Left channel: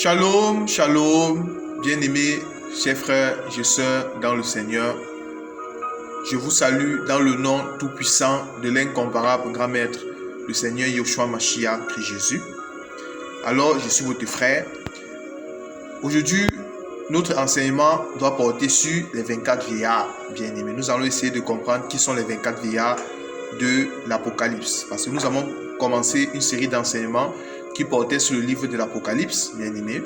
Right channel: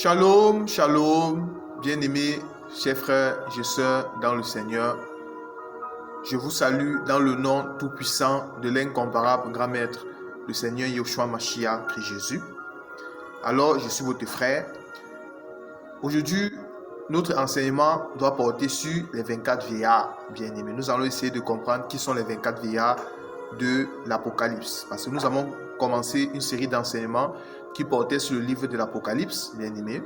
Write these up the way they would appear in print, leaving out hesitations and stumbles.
Shalom, shalom, bien-aimés, chers frères et sœurs dans le Seigneur. Je vous salue dans le nom tout-puissant de l'incomparable grand maître, le Seigneur Yeshua Mashiach, Christ Jésus. Alors, je suis votre frère. Aujourd'hui, notre enseignement doit porter sur les 24 vieillards, bien-aimés. Nous allons essayer de comprendre qui sont les 24 vieillards de l'Apocalypse. Parce que nous avons commencé une série d'enseignements qui portait sur le livre de l'Apocalypse, bien aimé.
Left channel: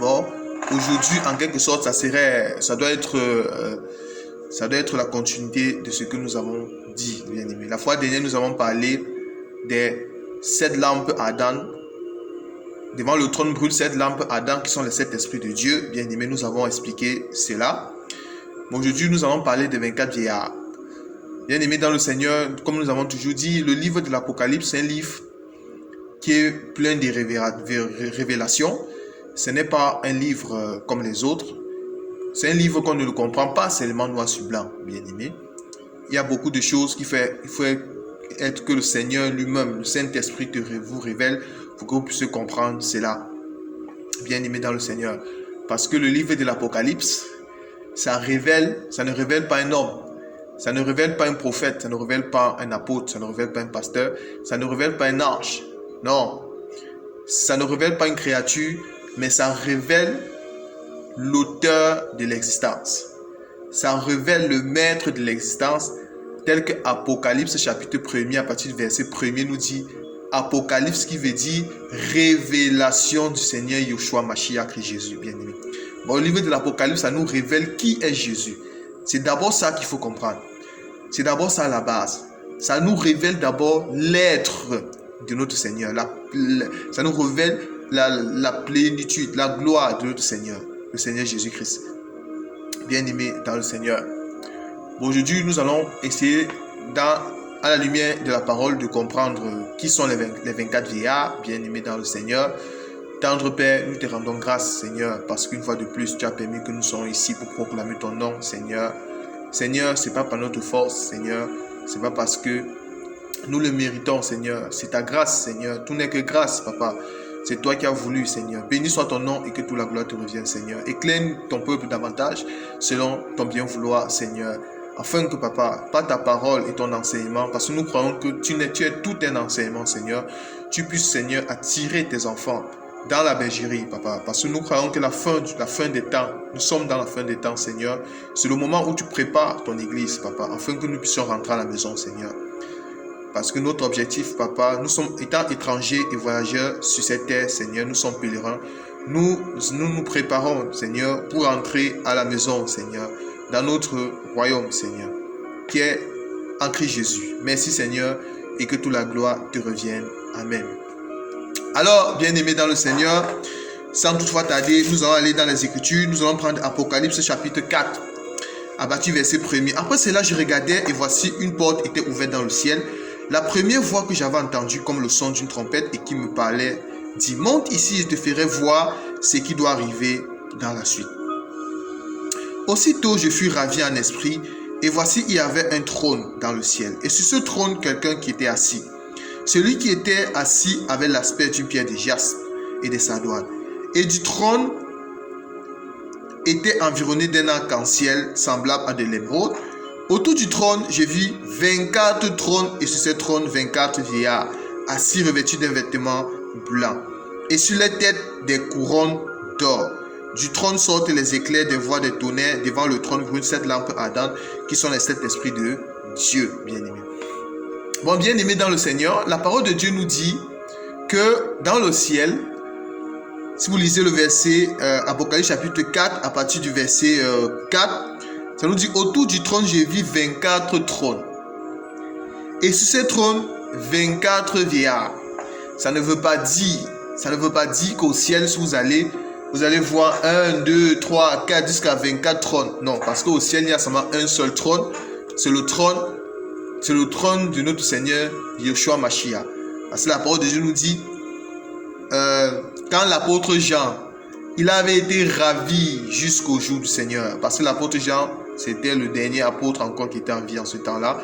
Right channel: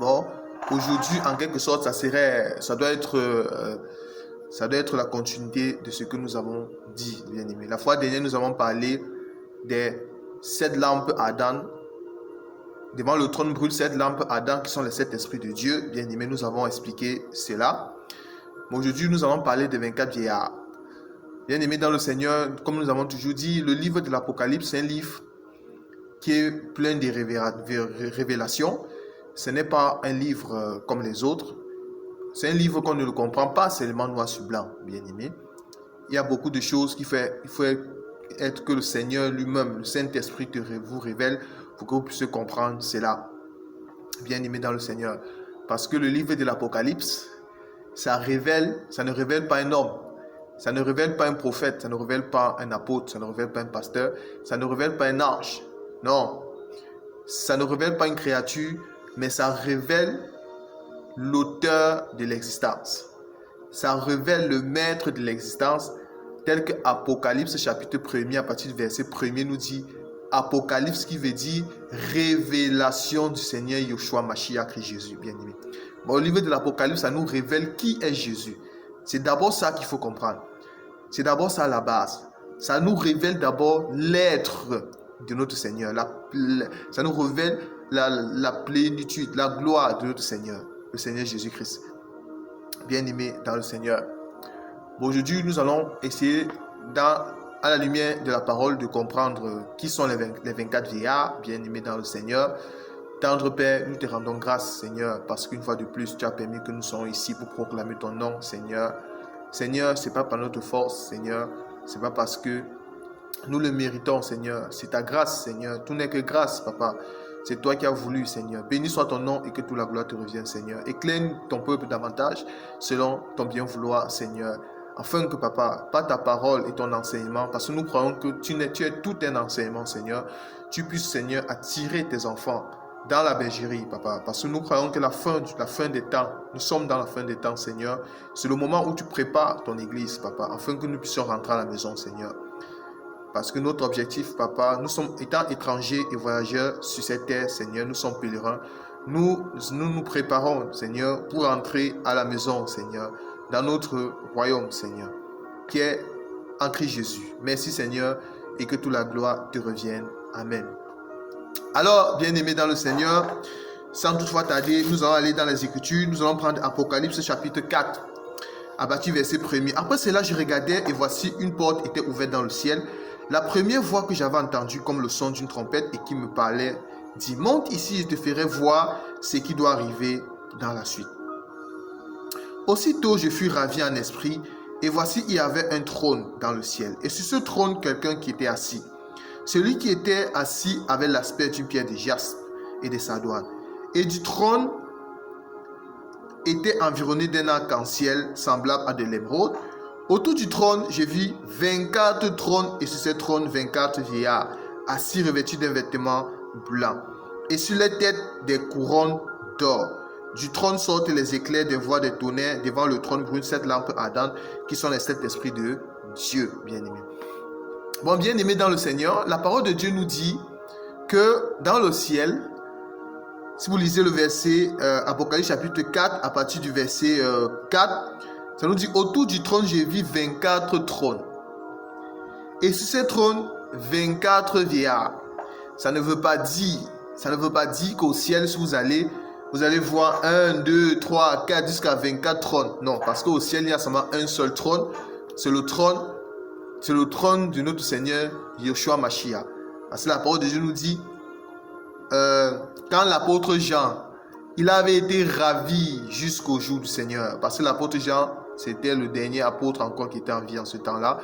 Bon, aujourd'hui, en quelque sorte, ça doit être la continuité de ce que nous avons dit, bien aimé. La fois dernière, nous avons parlé des 7 lampes ardentes. Devant le trône brûle 7 lampes ardentes qui sont les 7 esprits de Dieu, bien aimé. Nous avons expliqué cela. Bon, aujourd'hui, nous allons parler des 24 vieillards. Bien aimé dans le Seigneur, comme nous avons toujours dit, le livre de l'Apocalypse, c'est un livre qui est plein de révélations. Ce n'est pas un livre comme les autres. C'est un livre qu'on ne le comprend pas seulement noir sur blanc, bien aimé. Il y a beaucoup de choses il faut être que le Seigneur lui-même, le Saint-Esprit vous révèle pour que vous puissiez comprendre cela, bien aimé dans le Seigneur. Parce que le livre de l'Apocalypse, ça ne révèle pas un homme. Ça ne révèle pas un prophète, ça ne révèle pas un apôtre, ça ne révèle pas un pasteur, ça ne révèle pas un ange. Non, ça ne révèle pas une créature, mais ça révèle l'auteur de l'existence. Ça révèle le maître de l'existence, tel que Apocalypse chapitre 1er, à partir du verset 1er, nous dit Apocalypse qui veut dire révélation du Seigneur Yeshua Mashiach Christ Jésus, bien aimé. Bon, au livre de l'Apocalypse, ça nous révèle qui est Jésus. C'est d'abord ça qu'il faut comprendre. C'est d'abord ça la base. Ça nous révèle d'abord l'être de notre Seigneur. Ça nous révèle la plénitude, la gloire de notre Seigneur, le Seigneur Jésus-Christ. Bien-aimé dans le Seigneur. Bon, aujourd'hui, nous allons essayer, à la lumière de la parole, de comprendre qui sont les 24 vieillards, bien-aimés dans le Seigneur. Tendre Père, nous te rendons grâce, Seigneur, parce qu'une fois de plus, tu as permis que nous soyons ici pour proclamer ton nom, Seigneur. Seigneur, ce n'est pas par notre force, Seigneur. Ce n'est pas parce que nous le méritons, Seigneur. C'est ta grâce, Seigneur. Tout n'est que grâce, Papa. C'est toi qui as voulu, Seigneur. Béni soit ton nom et que toute la gloire te revienne, Seigneur. Éclaire ton peuple davantage selon ton bien vouloir, Seigneur. Afin que, Papa, par ta parole et ton enseignement, parce que nous croyons que tu es tout un enseignement, Seigneur, tu puisses, Seigneur, attirer tes enfants dans la bergerie, Papa, parce que nous croyons que la fin des temps, nous sommes dans la fin des temps, Seigneur. C'est le moment où tu prépares ton église, Papa, afin que nous puissions rentrer à la maison, Seigneur. Parce que notre objectif, Papa, nous sommes étant étrangers et voyageurs sur cette terre, Seigneur, nous sommes pèlerins. Nous préparons, Seigneur, pour entrer à la maison, Seigneur, dans notre royaume, Seigneur, qui est en Christ Jésus. Merci, Seigneur, et que toute la gloire te revienne. Amen. Alors, bien-aimés dans le Seigneur, sans toutefois tarder, nous allons aller dans les Écritures. Nous allons prendre Apocalypse chapitre 4, à partir du verset 1er. Après cela, je regardais et voici une porte était ouverte dans le ciel. La première voix que j'avais entendue comme le son d'une trompette et qui me parlait dit: monte ici, je te ferai voir ce qui doit arriver dans la suite. Aussitôt, je fus ravi en esprit et voici, il y avait un trône dans le ciel. Et sur ce trône, quelqu'un qui était assis. Celui qui était assis avait l'aspect d'une pierre de jaspe et de sardoine. Et du trône était environné d'un arc-en-ciel semblable à de l'émeraude. Autour du trône, je vis 24 trônes et sur ces trônes, 24 vieillards, assis revêtus d'un vêtement blanc. Et sur les têtes, des couronnes d'or. Du trône sortent les éclairs des voix de tonnerre. Devant le trône brûlent 7 lampes ardentes qui sont les 7 esprits de Dieu, bien-aimés. Bon, bien-aimés dans le Seigneur, la parole de Dieu nous dit que dans le ciel, si vous lisez le verset Apocalypse chapitre 4, à partir du verset 4, ça nous dit: autour du trône, j'ai vu 24 trônes. Et sur ces trônes, 24 vieillards. Ça ne veut pas dire qu'au ciel, si vous allez voir 1, 2, 3, 4, jusqu'à 24 trônes. Non, parce qu'au ciel, il y a seulement un seul trône. C'est le trône de notre Seigneur, Yeshua Mashiach. Parce que la parole de Dieu nous dit, quand l'apôtre Jean, il avait été ravi jusqu'au jour du Seigneur. Parce que l'apôtre Jean, c'était le dernier apôtre encore qui était en vie en ce temps-là.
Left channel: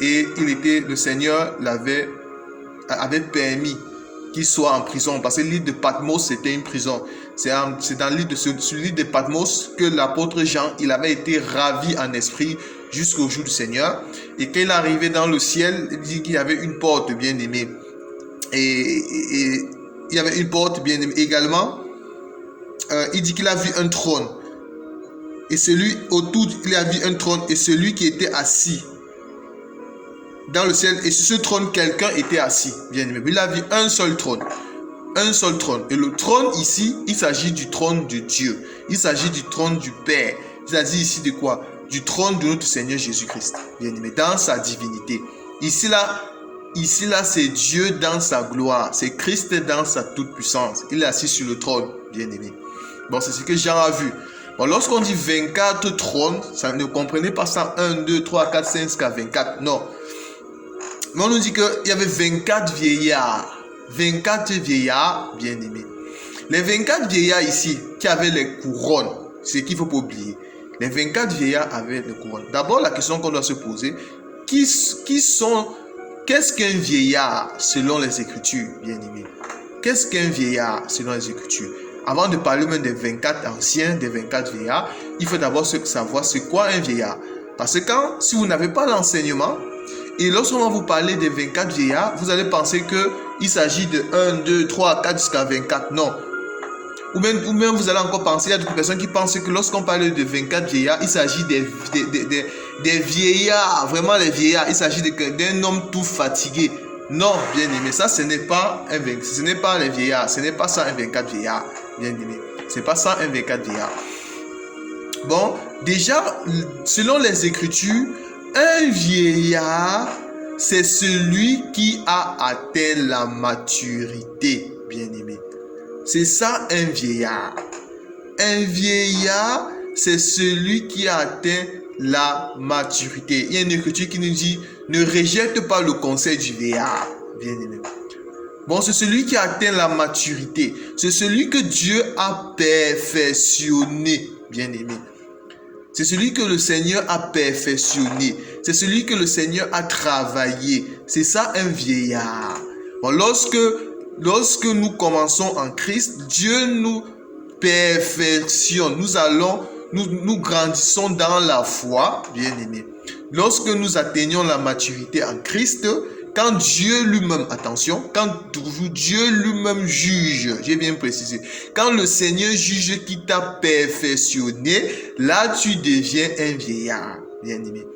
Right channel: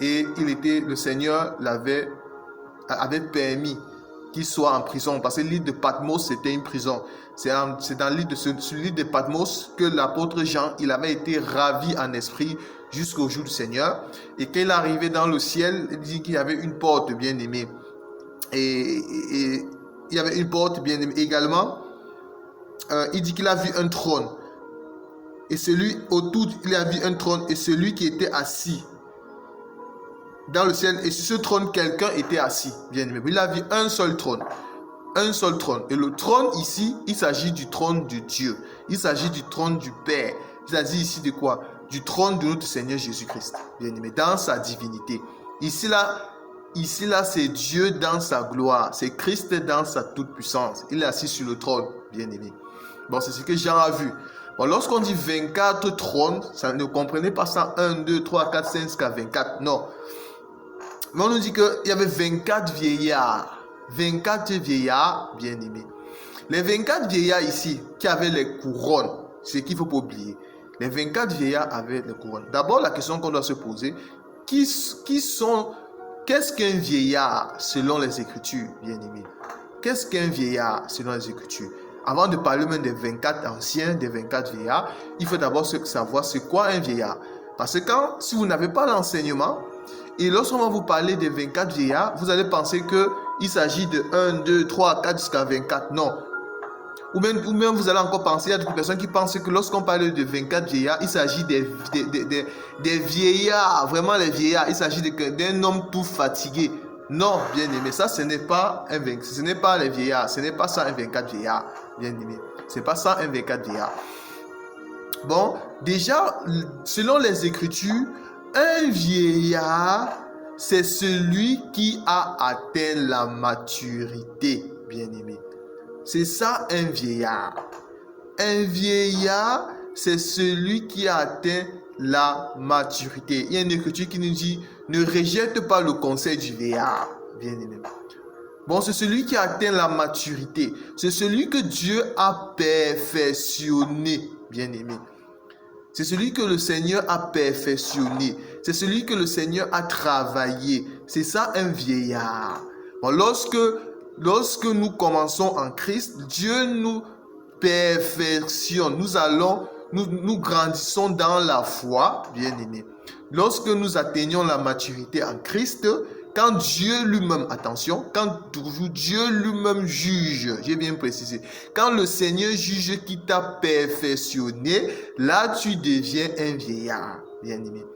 Et le Seigneur avait permis qu'il soit en prison. Parce que l'île de Patmos, c'était une prison. C'est dans l'île de Patmos que l'apôtre Jean, il avait été ravi en esprit jusqu'au jour du Seigneur. Et quand il est arrivé dans le ciel, il dit qu'il y avait une porte bien aimée. Et il y avait une porte bien aimée également. Il dit qu'il a vu un trône. Et celui autour, il a vu un trône et celui qui était assis dans le ciel. Et sur ce trône, quelqu'un était assis, bien aimé. Il a vu un seul trône. Un seul trône. Et le trône ici, il s'agit du trône de Dieu. Il s'agit du trône du Père. Il s'agit ici de quoi? Du trône de notre Seigneur Jésus-Christ, bien aimé, dans sa divinité. Ici là, c'est Dieu dans sa gloire. C'est Christ dans sa toute-puissance. Il est assis sur le trône, bien aimé. Bon, c'est ce que Jean a vu. Bon, lorsqu'on dit 24 trônes, ça ne comprenez pas ça 1, 2, 3, 4, 5 jusqu'à 24. Non. Mais on nous dit qu'il y avait 24 vieillards. 24 vieillards, bien aimés. Les 24 vieillards ici, qui avaient les couronnes, c'est ce qu'il ne faut pas oublier. Les 24 vieillards avaient les couronnes. D'abord, la question qu'on doit se poser, qu'est-ce qu'un vieillard selon les Écritures, bien aimés? Qu'est-ce qu'un vieillard selon les Écritures? Avant de parler même des 24 anciens, des 24 vieillards, il faut d'abord savoir c'est quoi un vieillard. Parce que si vous n'avez pas l'enseignement, et lorsqu'on va vous parler des 24 vieillards, vous allez penser qu'il s'agit de 1, 2, 3, 4 jusqu'à 24. Non. Ou même vous allez encore penser, il y a d'autres personnes qui pensent que lorsqu'on parle de 24 vieillards, il s'agit des vieillards, vraiment les vieillards. Il s'agit d'un homme tout fatigué. Non, bien aimé, ça ce n'est pas les vieillards, ce n'est pas ça un 24 vieillards, bien aimé. Ce n'est pas ça un 24 vieillards. Bon, déjà, selon les Écritures, un vieillard, c'est celui qui a atteint la maturité, bien aimé. C'est ça un vieillard. Un vieillard, c'est celui qui a atteint la maturité. Il y a une écriture qui nous dit, ne rejette pas le conseil du vieillard, bien aimé. Bon, c'est celui qui a atteint la maturité. C'est celui que Dieu a perfectionné, bien aimé. C'est celui que le Seigneur a perfectionné. C'est celui que le Seigneur a travaillé. C'est ça un vieillard. Bon, lorsque nous commençons en Christ, Dieu nous perfectionne. Nous grandissons dans la foi, bien aimé. Lorsque nous atteignons la maturité en Christ, quand Dieu lui-même, attention, quand Dieu lui-même juge, j'ai bien précisé, quand le Seigneur juge qui t'a perfectionné, là tu deviens un vieillard, bien aimé.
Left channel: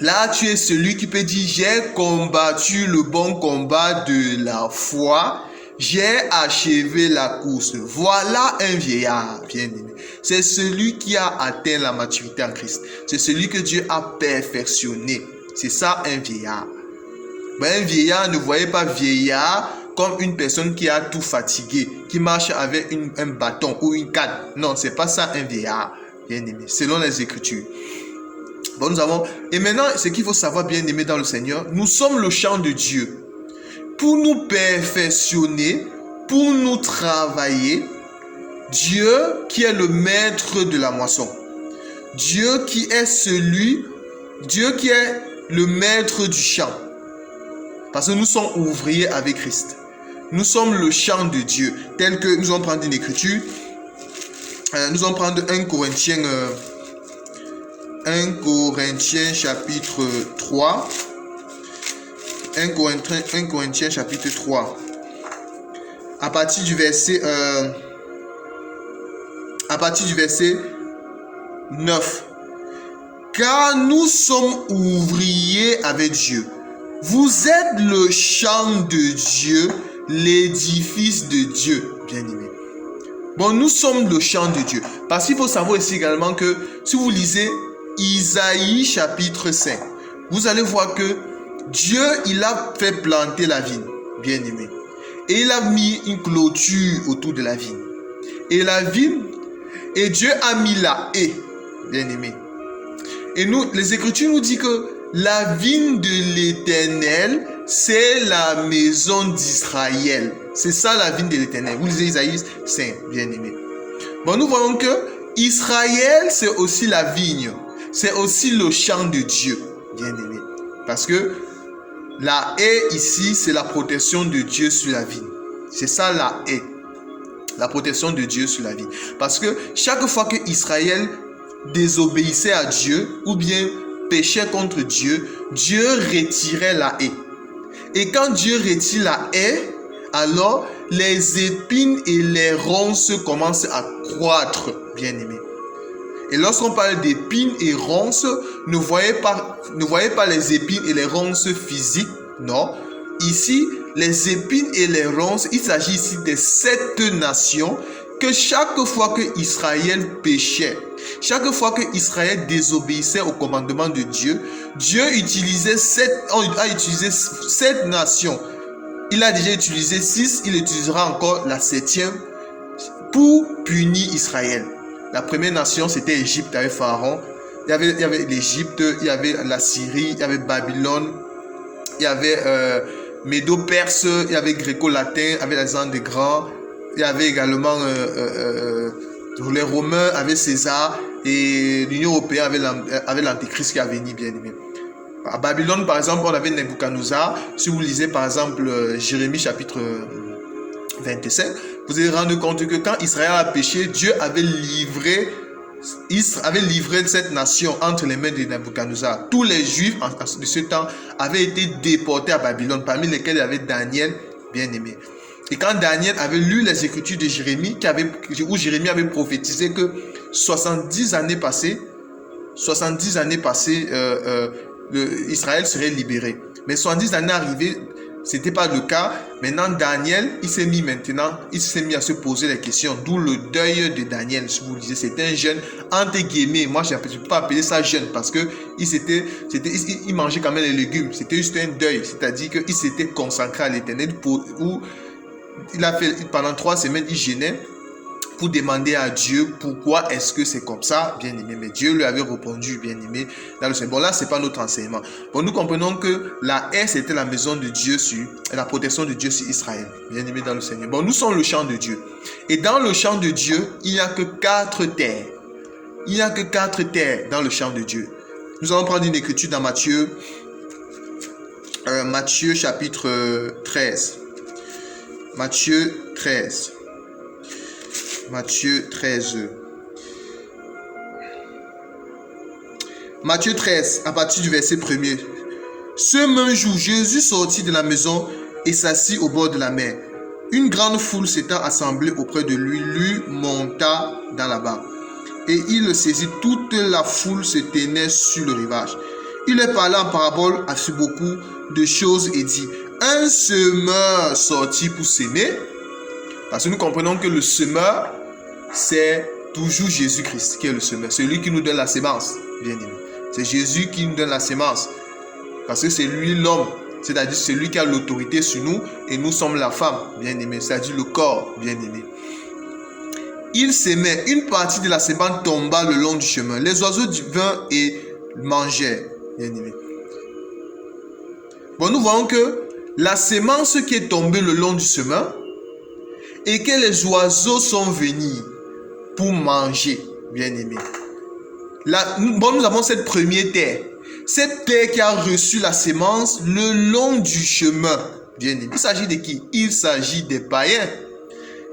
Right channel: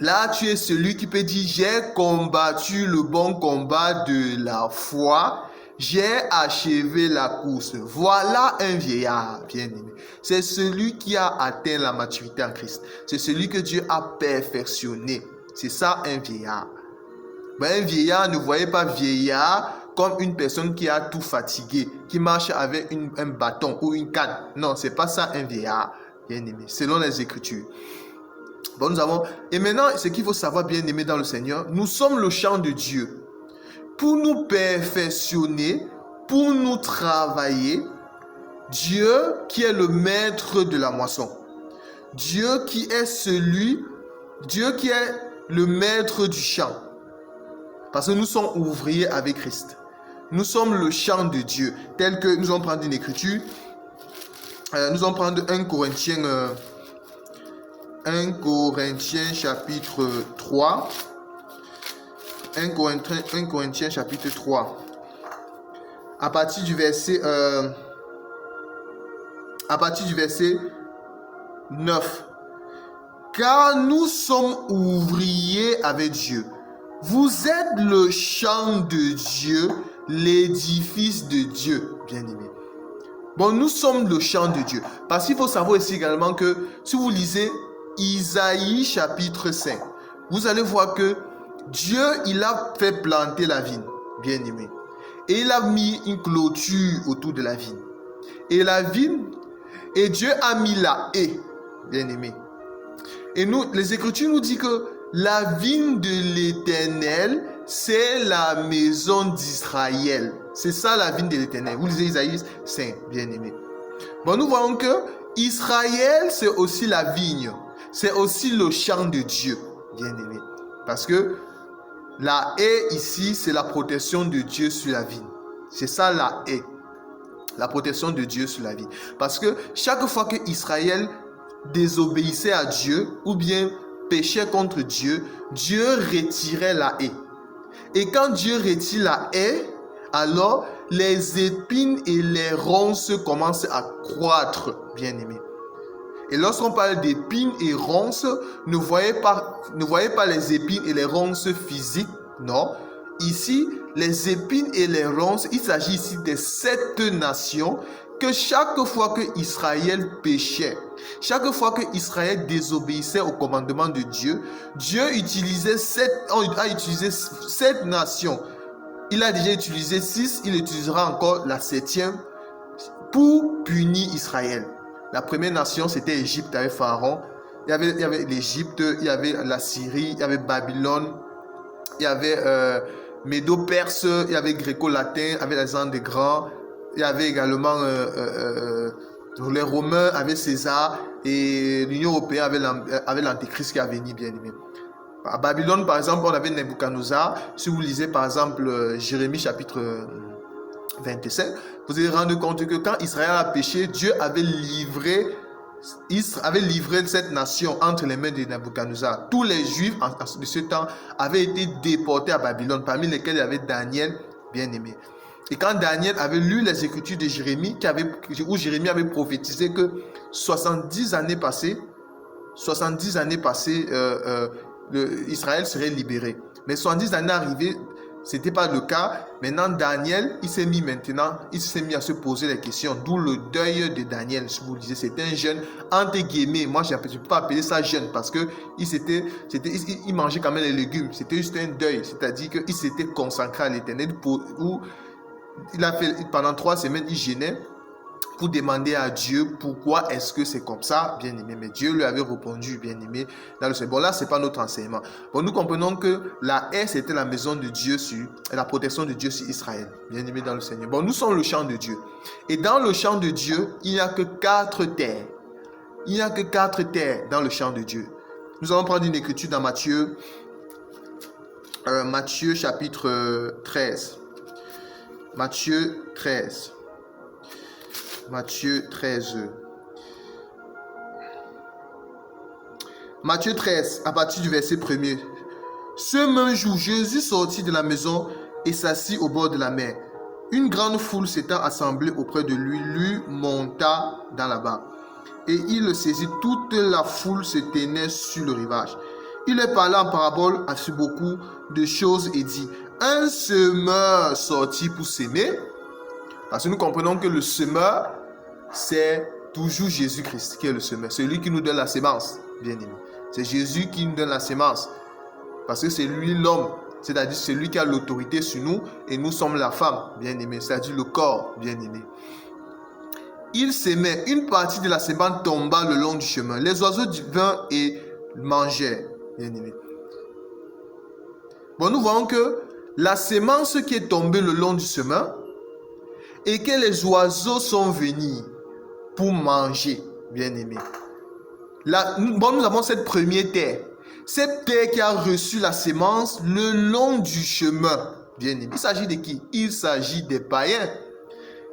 Là tu es celui qui peut dire, j'ai combattu le bon combat de la foi, j'ai achevé la course. Voilà un vieillard, bien aimé. C'est celui qui a atteint la maturité en Christ. C'est celui que Dieu a perfectionné. C'est ça un vieillard. Mais un vieillard, ne voyez pas vieillard comme une personne qui a tout fatigué, qui marche avec un bâton ou une canne. Non, c'est pas ça un vieillard, bien aimé, selon les Écritures. Bon, et maintenant, ce qu'il faut savoir, bien aimé dans le Seigneur, nous sommes le champ de Dieu. Pour nous perfectionner, pour nous travailler, Dieu qui est le maître de la moisson. Dieu qui est le maître du champ. Parce que nous sommes ouvriers avec Christ. Nous sommes le champ de Dieu. Tel que nous allons prendre une écriture. Nous allons prendre 1 Corinthiens chapitre 3. 1 Corinthiens chapitre 3. À partir du verset 9. Car nous sommes ouvriers avec Dieu. Vous êtes le champ de Dieu, l'édifice de Dieu, bien aimé. Bon, nous sommes le champ de Dieu. Parce qu'il faut savoir ici également que si vous lisez Isaïe chapitre 5, vous allez voir que Dieu, il a fait planter la vigne, bien aimé. Et il a mis une clôture autour de la vigne. Et Dieu a mis la haie, bien aimé. Et les Écritures nous disent que la vigne de l'Éternel, c'est la maison d'Israël. C'est ça la vigne de l'Éternel. Vous lisez Isaïe 5, bien aimé. Bon, nous voyons que Israël, c'est aussi la vigne. C'est aussi le champ de Dieu, bien aimé. Parce que La haie ici, c'est la protection de Dieu sur la vie. C'est ça la haie. La protection de Dieu sur la vie. Parce que chaque fois que Israël désobéissait à Dieu ou bien péchait contre Dieu, Dieu retirait la haie. Et quand Dieu retire la haie, alors les épines et les ronces commencent à croître, bien-aimés. Et lorsqu'on parle d'épines et ronces, ne voyez pas les épines et les ronces physiques, non. Ici, les épines et les ronces, il s'agit ici des 7 nations que chaque fois que Israël péchait, chaque fois que Israël désobéissait au commandement de Dieu, Dieu a utilisé 7 nations. Il a déjà utilisé 6, il utilisera encore la 7e pour punir Israël. La première nation, c'était Égypte avec Pharaon. Il y avait l'Égypte, il y avait la Syrie, il y avait Babylone, il y avait Médo-Perse, il y avait Gréco-Latin, avec Alexandre le Grand. Il y avait également les Romains avec César et l'Union européenne avec l'Antéchrist qui a venu, bien aimé. À Babylone, par exemple, on avait Nebuchadnezzar. Si vous lisez, par exemple, Jérémie chapitre 27, vous allez rendre compte que quand Israël a péché, Dieu avait livré cette nation entre les mains de Nebuchadnezzar. Tous les Juifs de ce temps avaient été déportés à Babylone, parmi lesquels il y avait Daniel, bien aimé. Et quand Daniel avait lu les écritures de Jérémie, où Jérémie avait prophétisé que 70 années passées, Israël serait libéré. Mais 70 années arrivées, ce n'était pas le cas. Maintenant, Daniel, il s'est mis à se poser les questions. D'où le deuil de Daniel. Si vous le disiez, c'était un jeune, entre guillemets. Moi, je ne peux pas appeler ça jeune parce qu'il mangeait quand même les légumes. C'était juste un deuil. C'est-à-dire qu'il s'était consacré à l'Éternel. Il a fait pendant 3 semaines, il jeûnait pour demander à Dieu pourquoi est-ce que c'est comme ça, bien aimé. Mais Dieu lui avait répondu, bien aimé, dans le Seigneur. Bon, là, ce n'est pas notre enseignement. Bon, nous comprenons que la haie, c'était la maison de Dieu la protection de Dieu sur Israël, bien aimé dans le Seigneur. Bon, nous sommes le champ de Dieu. Et dans le champ de Dieu, il n'y a que 4 terres. Il n'y a que 4 terres dans le champ de Dieu. Nous allons prendre une écriture dans Matthieu chapitre 13. Matthieu 13. Matthieu 13. Matthieu 13, à partir du verset 1er. Ce même jour, Jésus sortit de la maison et s'assit au bord de la mer. Une grande foule s'étant assemblée auprès de lui, monta dans la barque. Et il le saisit, toute la foule se tenait sur le rivage. Il leur parla en parabole à beaucoup de choses et dit: un semeur sortit pour s'aimer. Parce que nous comprenons que le semeur, c'est toujours Jésus-Christ qui est le semeur. C'est lui qui nous donne la sémence, bien aimé. C'est Jésus qui nous donne la sémence. Parce que c'est lui l'homme. C'est-à-dire c'est lui qui a l'autorité sur nous et nous sommes la femme, bien aimé. C'est-à-dire le corps, bien aimé. Il s'aimait. Une partie de la sémence tomba le long du chemin. Les oiseaux vinrent et mangèrent, bien aimé. Bon, nous voyons que la sémence qui est tombée le long du chemin et que les oiseaux sont venus pour manger, bien aimé. Nous avons cette première terre. Cette terre qui a reçu la sémence le long du chemin, bien aimé. Il s'agit de qui? Il s'agit des païens.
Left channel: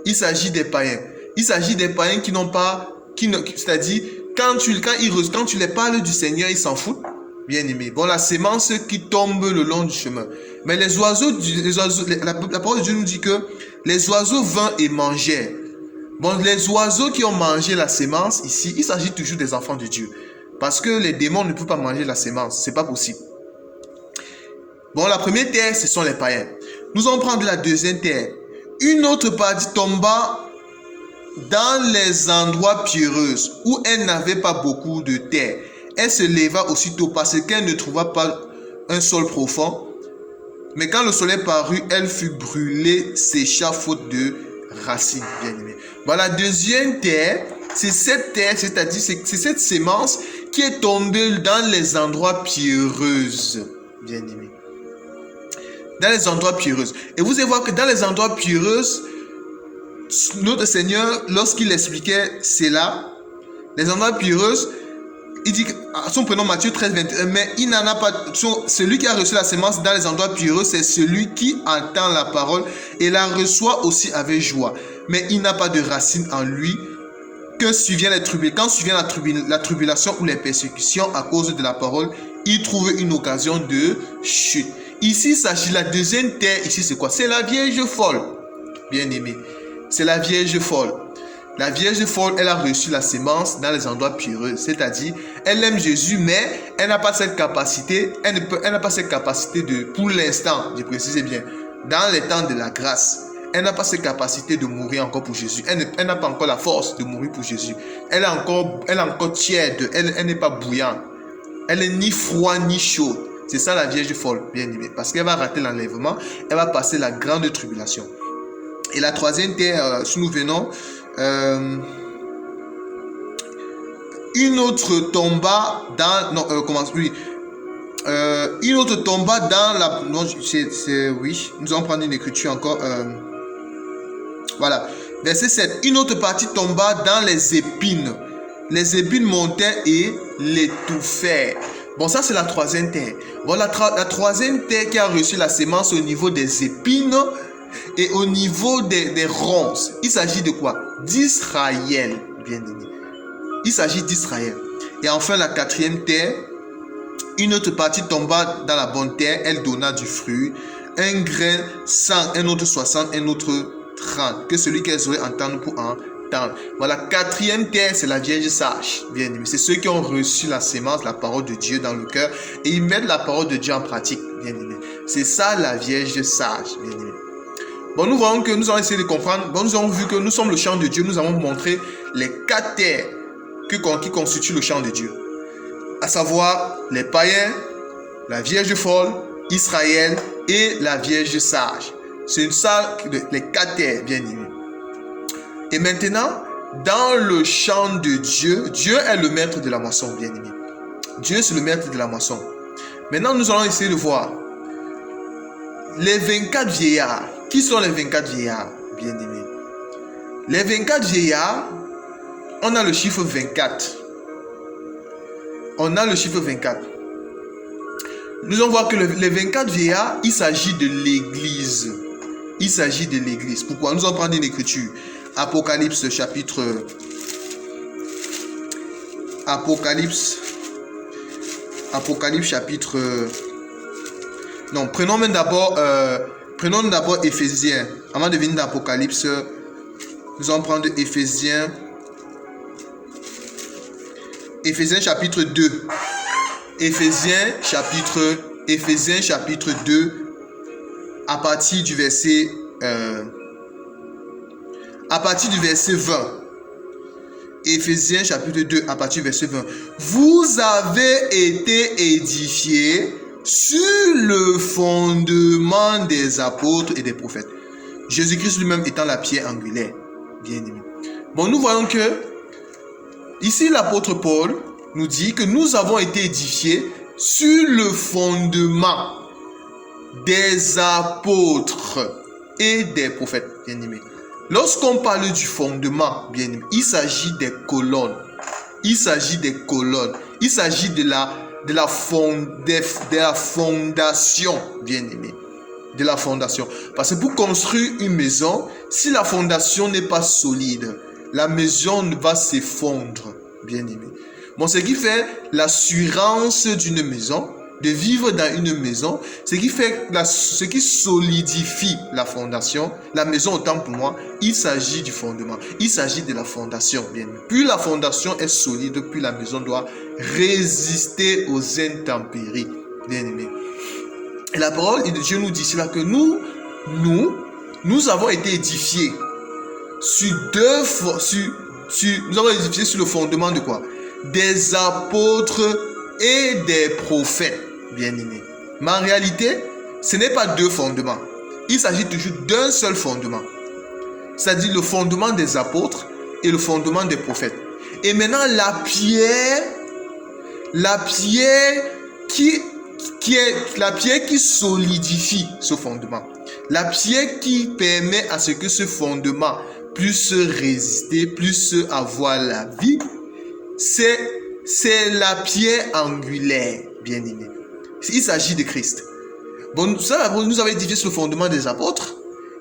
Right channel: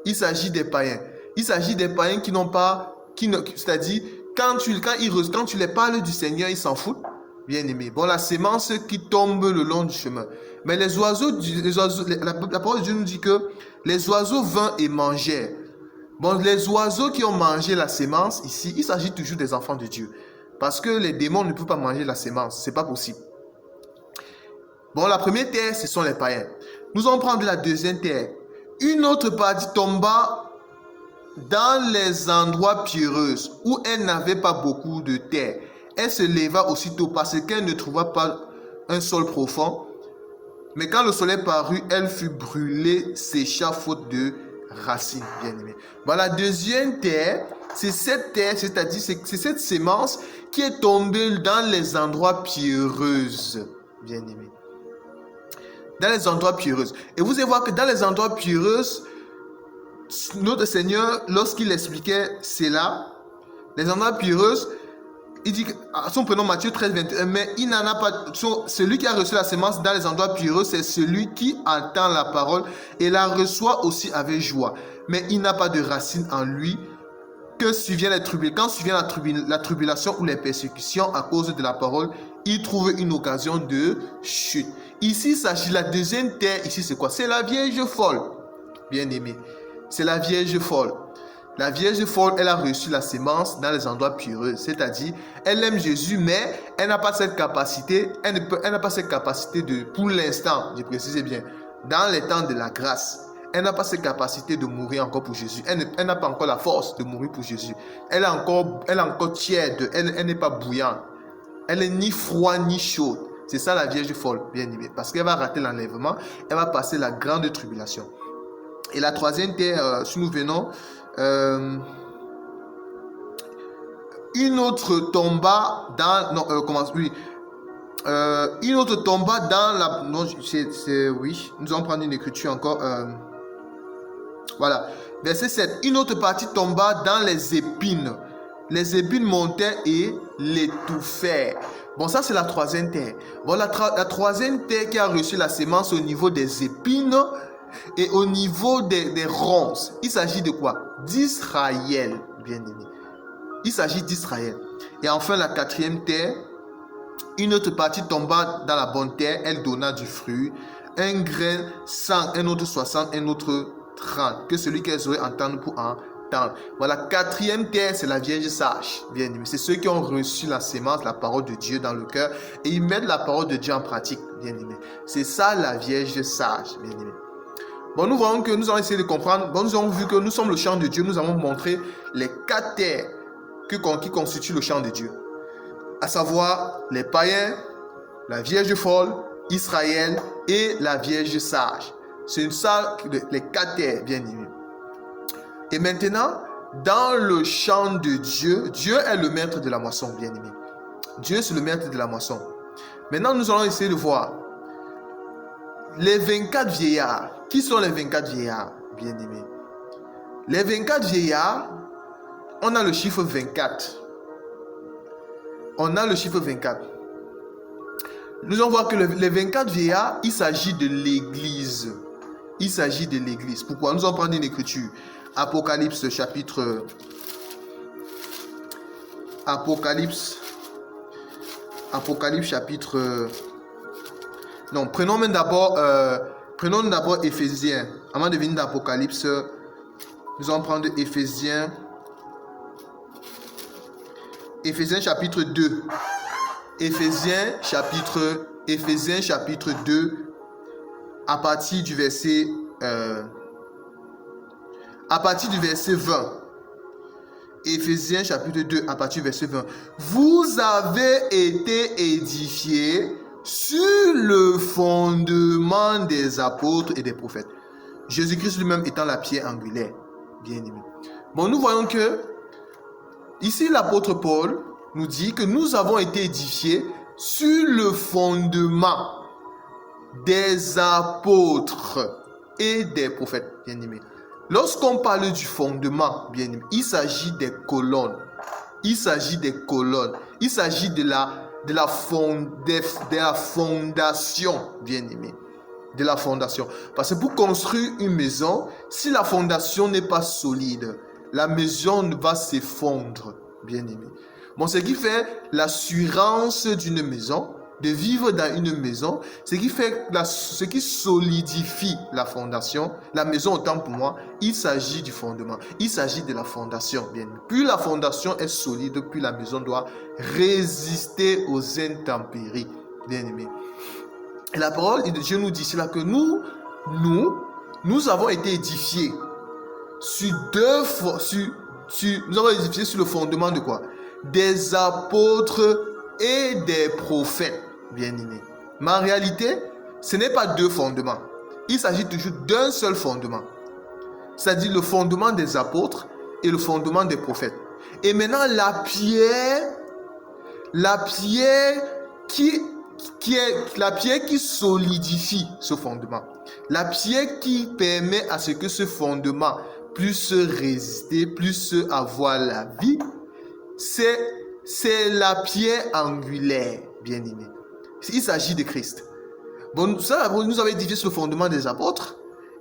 Il s'agit des païens. Il s'agit des païens qui n'ont pas... C'est-à-dire, quand tu les parles du Seigneur, ils s'en foutent, bien aimé. Bon, la sémence qui tombe le long du chemin. Mais les oiseaux, la parole de Dieu nous dit que les oiseaux vinrent et mangèrent. Bon, les oiseaux qui ont mangé la sémence ici, il s'agit toujours des enfants de Dieu. Parce que les démons ne peuvent pas manger la sémence. Ce n'est pas possible. Bon, la première terre, ce sont les païens. Nous allons prendre la deuxième terre. Une autre partie tomba dans les endroits pierreux où elle n'avait pas beaucoup de terre. Elle se leva aussitôt parce qu'elle ne trouva pas un sol profond. Mais quand le soleil parut, elle fut brûlée, sécha faute de racines, bien aimé. Bon, la deuxième terre, c'est cette terre, c'est-à-dire c'est cette sémence qui est tombée dans les endroits pierreux, bien aimé. Dans les endroits pierreux. Et vous allez voir que dans les endroits pierreux, notre Seigneur, lorsqu'il expliquait cela, les endroits pierreux, Il dit, à son prénom Matthieu 13, 21, mais il n'en a pas, celui qui a reçu la semence dans les endroits pierreux, c'est celui qui entend la parole et la reçoit aussi avec joie. Mais il n'a pas de racine en lui, que survient les tribulations. Quand survient la tribulation ou les persécutions à cause de la parole, il trouve une occasion de chute. Ici, il s'agit de la deuxième terre. Ici, c'est quoi? C'est la vierge folle. Bien aimé, c'est la vierge folle. La vierge folle, elle a reçu la sémence dans les endroits pierreux. C'est-à-dire, elle aime Jésus, mais elle n'a pas cette capacité. Elle n'a pas cette capacité de, pour l'instant, je précise bien, dans les temps de la grâce, elle n'a pas cette capacité de mourir encore pour Jésus. Elle n'a pas encore la force de mourir pour Jésus. Elle est encore tiède. Elle n'est pas bouillante. Elle n'est ni froide ni chaude. C'est ça la vierge folle, bien aimée. Parce qu'elle va rater l'enlèvement. Elle va passer la grande tribulation. Et la troisième terre, si nous venons, une autre tomba dans... Non, oui. Une autre tomba dans la... Non, oui. Nous allons prendre une écriture encore. Voilà. Verset 7. Une autre partie tomba dans les épines. Les épines montaient et l'étouffèrent. Bon, ça c'est la troisième terre. Bon, la troisième terre qui a reçu la sémence au niveau des épines et au niveau des ronces. Il s'agit de quoi? D'Israël, bien aimé. Il s'agit d'Israël. Et enfin, la quatrième terre, une autre partie tomba dans la bonne terre. Elle donna du fruit. Un grain 100, un autre 60, un autre 30. Que celui qui a les oreilles entende pour entendre. Voilà, quatrième terre, c'est la vierge sage, bien aimé. C'est ceux qui ont reçu la sémence, la parole de Dieu dans le cœur et ils mettent la parole de Dieu en pratique, bien aimé. C'est ça la vierge sage, bien aimé. Bon, nous voyons que nous allons essayer de comprendre. Bon, nous avons vu que nous sommes le champ de Dieu. Nous avons montré les quatre terres qui constituent le champ de Dieu. À savoir les païens, la vierge folle, Israël et la vierge sage. C'est ça, les quatre terres, bien aimé. Et maintenant, dans le champ de Dieu, Dieu est le maître de la moisson, bien aimé. Dieu, c'est le maître de la moisson. Maintenant, nous allons essayer de voir les 24 vieillards. Qui sont les 24 vieillards, bien aimé? Les 24 vieillards, on a le chiffre 24. On a le chiffre 24. Nous allons voir que les 24 vieillards, il s'agit de l'Église. Il s'agit de l'Église. Pourquoi? Nous allons prendre une écriture. Apocalypse chapitre... Apocalypse chapitre... Non, prenons d'abord Éphésiens. Avant de venir dans Apocalypse, nous allons prendre Éphésiens chapitre 2. Éphésiens chapitre 2, à partir du verset 20. Éphésiens chapitre 2, à partir du verset 20. Vous avez été édifiés sur le fondement des apôtres et des prophètes. Jésus-Christ lui-même étant la pierre angulaire. Bien aimé. Bon, nous voyons que ici l'apôtre Paul nous dit que nous avons été édifiés sur le fondement des apôtres et des prophètes. Bien aimé. Lorsqu'on parle du fondement, bien aimé, il s'agit des colonnes. Il s'agit des colonnes. Il s'agit de la fondation, bien aimé. De la fondation. Parce que pour construire une maison, si la fondation n'est pas solide, la maison va s'effondrer, bien aimé. Bon, ce qui fait l'assurance d'une maison, de vivre dans une maison, ce qui solidifie la fondation, la maison autant pour moi, il s'agit du fondement, il s'agit de la fondation, bien aimé. Plus la fondation est solide, plus la maison doit résister aux intempéries, bien aimé. Et la parole de Dieu nous dit cela que nous avons été édifiés nous avons été édifiés sur le fondement de quoi? Des apôtres et des prophètes, bien aimés. Mais en réalité, ce n'est pas deux fondements. Il s'agit toujours d'un seul fondement. C'est-à-dire le fondement des apôtres et le fondement des prophètes. Et maintenant, la pierre qui solidifie ce fondement. La pierre qui permet à ce que ce fondement puisse résister, puisse avoir la vie, c'est c'est la pierre angulaire, bien-aimé. Il s'agit de Christ. Bon, ça, nous avons édifié sur le fondement des apôtres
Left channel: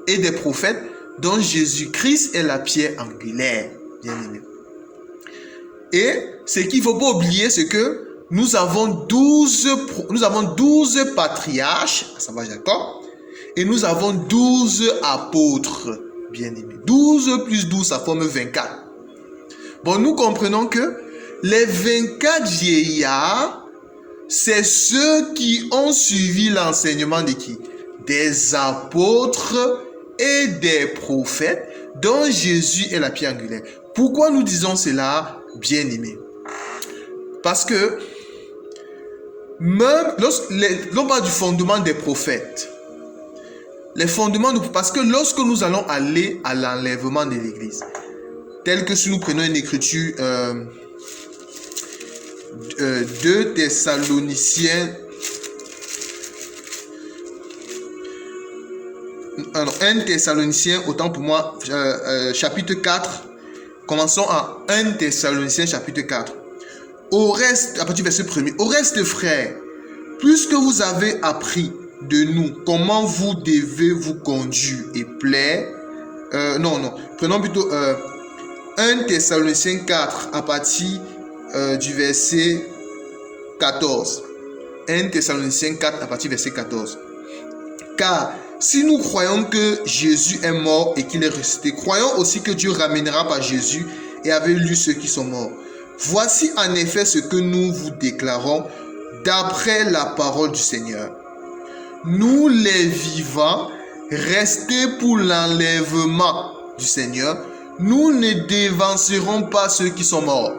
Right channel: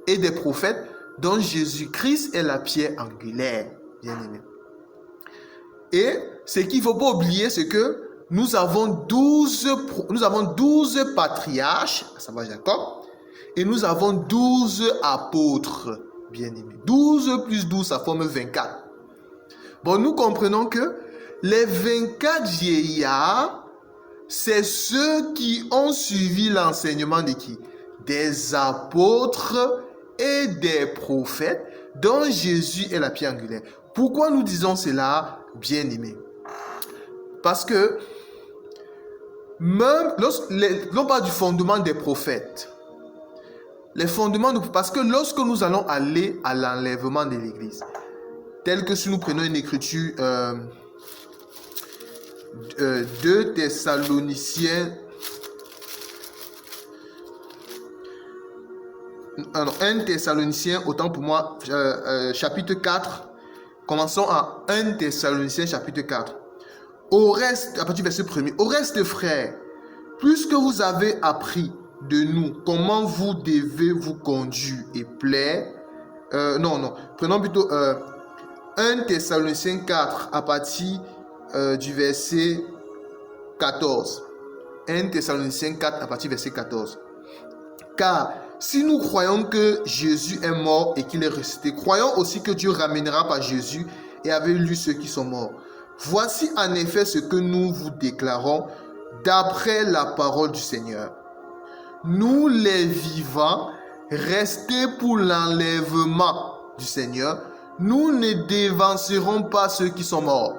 et des prophètes, dont Jésus-Christ est la pierre angulaire, bien-aimé. Et ce qu'il ne faut pas oublier, c'est que nous avons 12 patriarches, ça va, d'accord? Et nous avons 12 apôtres, bien-aimés. 12 plus 12, ça forme 24. Bon, nous comprenons que les 24 vieillards, c'est ceux qui ont suivi l'enseignement de qui? Des apôtres et des prophètes, dont Jésus est la pierre angulaire. Pourquoi nous disons cela, bien-aimés? Parce que même l'on parle du fondement des prophètes, parce que lorsque nous allons aller à l'enlèvement de l'Église, tel que si nous prenons une écriture 2 Thessaloniciens, 1 Thessaloniciens, autant pour moi, chapitre 4, commençons à 1 Thessaloniciens chapitre 4. Au reste, à partir du verset 1er, au reste, frères, puisque vous avez appris de nous comment vous devez vous conduire et plaire, prenons plutôt 1 Thessaloniciens 4 à partir du verset 14. 1 Thessaloniciens 4 à partir du verset 14. Car si nous croyons que Jésus est mort et qu'il est ressuscité, croyons aussi que Dieu ramènera par Jésus et avec lui ceux qui sont morts. Voici en effet ce que nous vous déclarons d'après la parole du Seigneur. Nous les vivants, restés pour l'enlèvement du Seigneur, nous ne dévancerons pas ceux qui sont morts.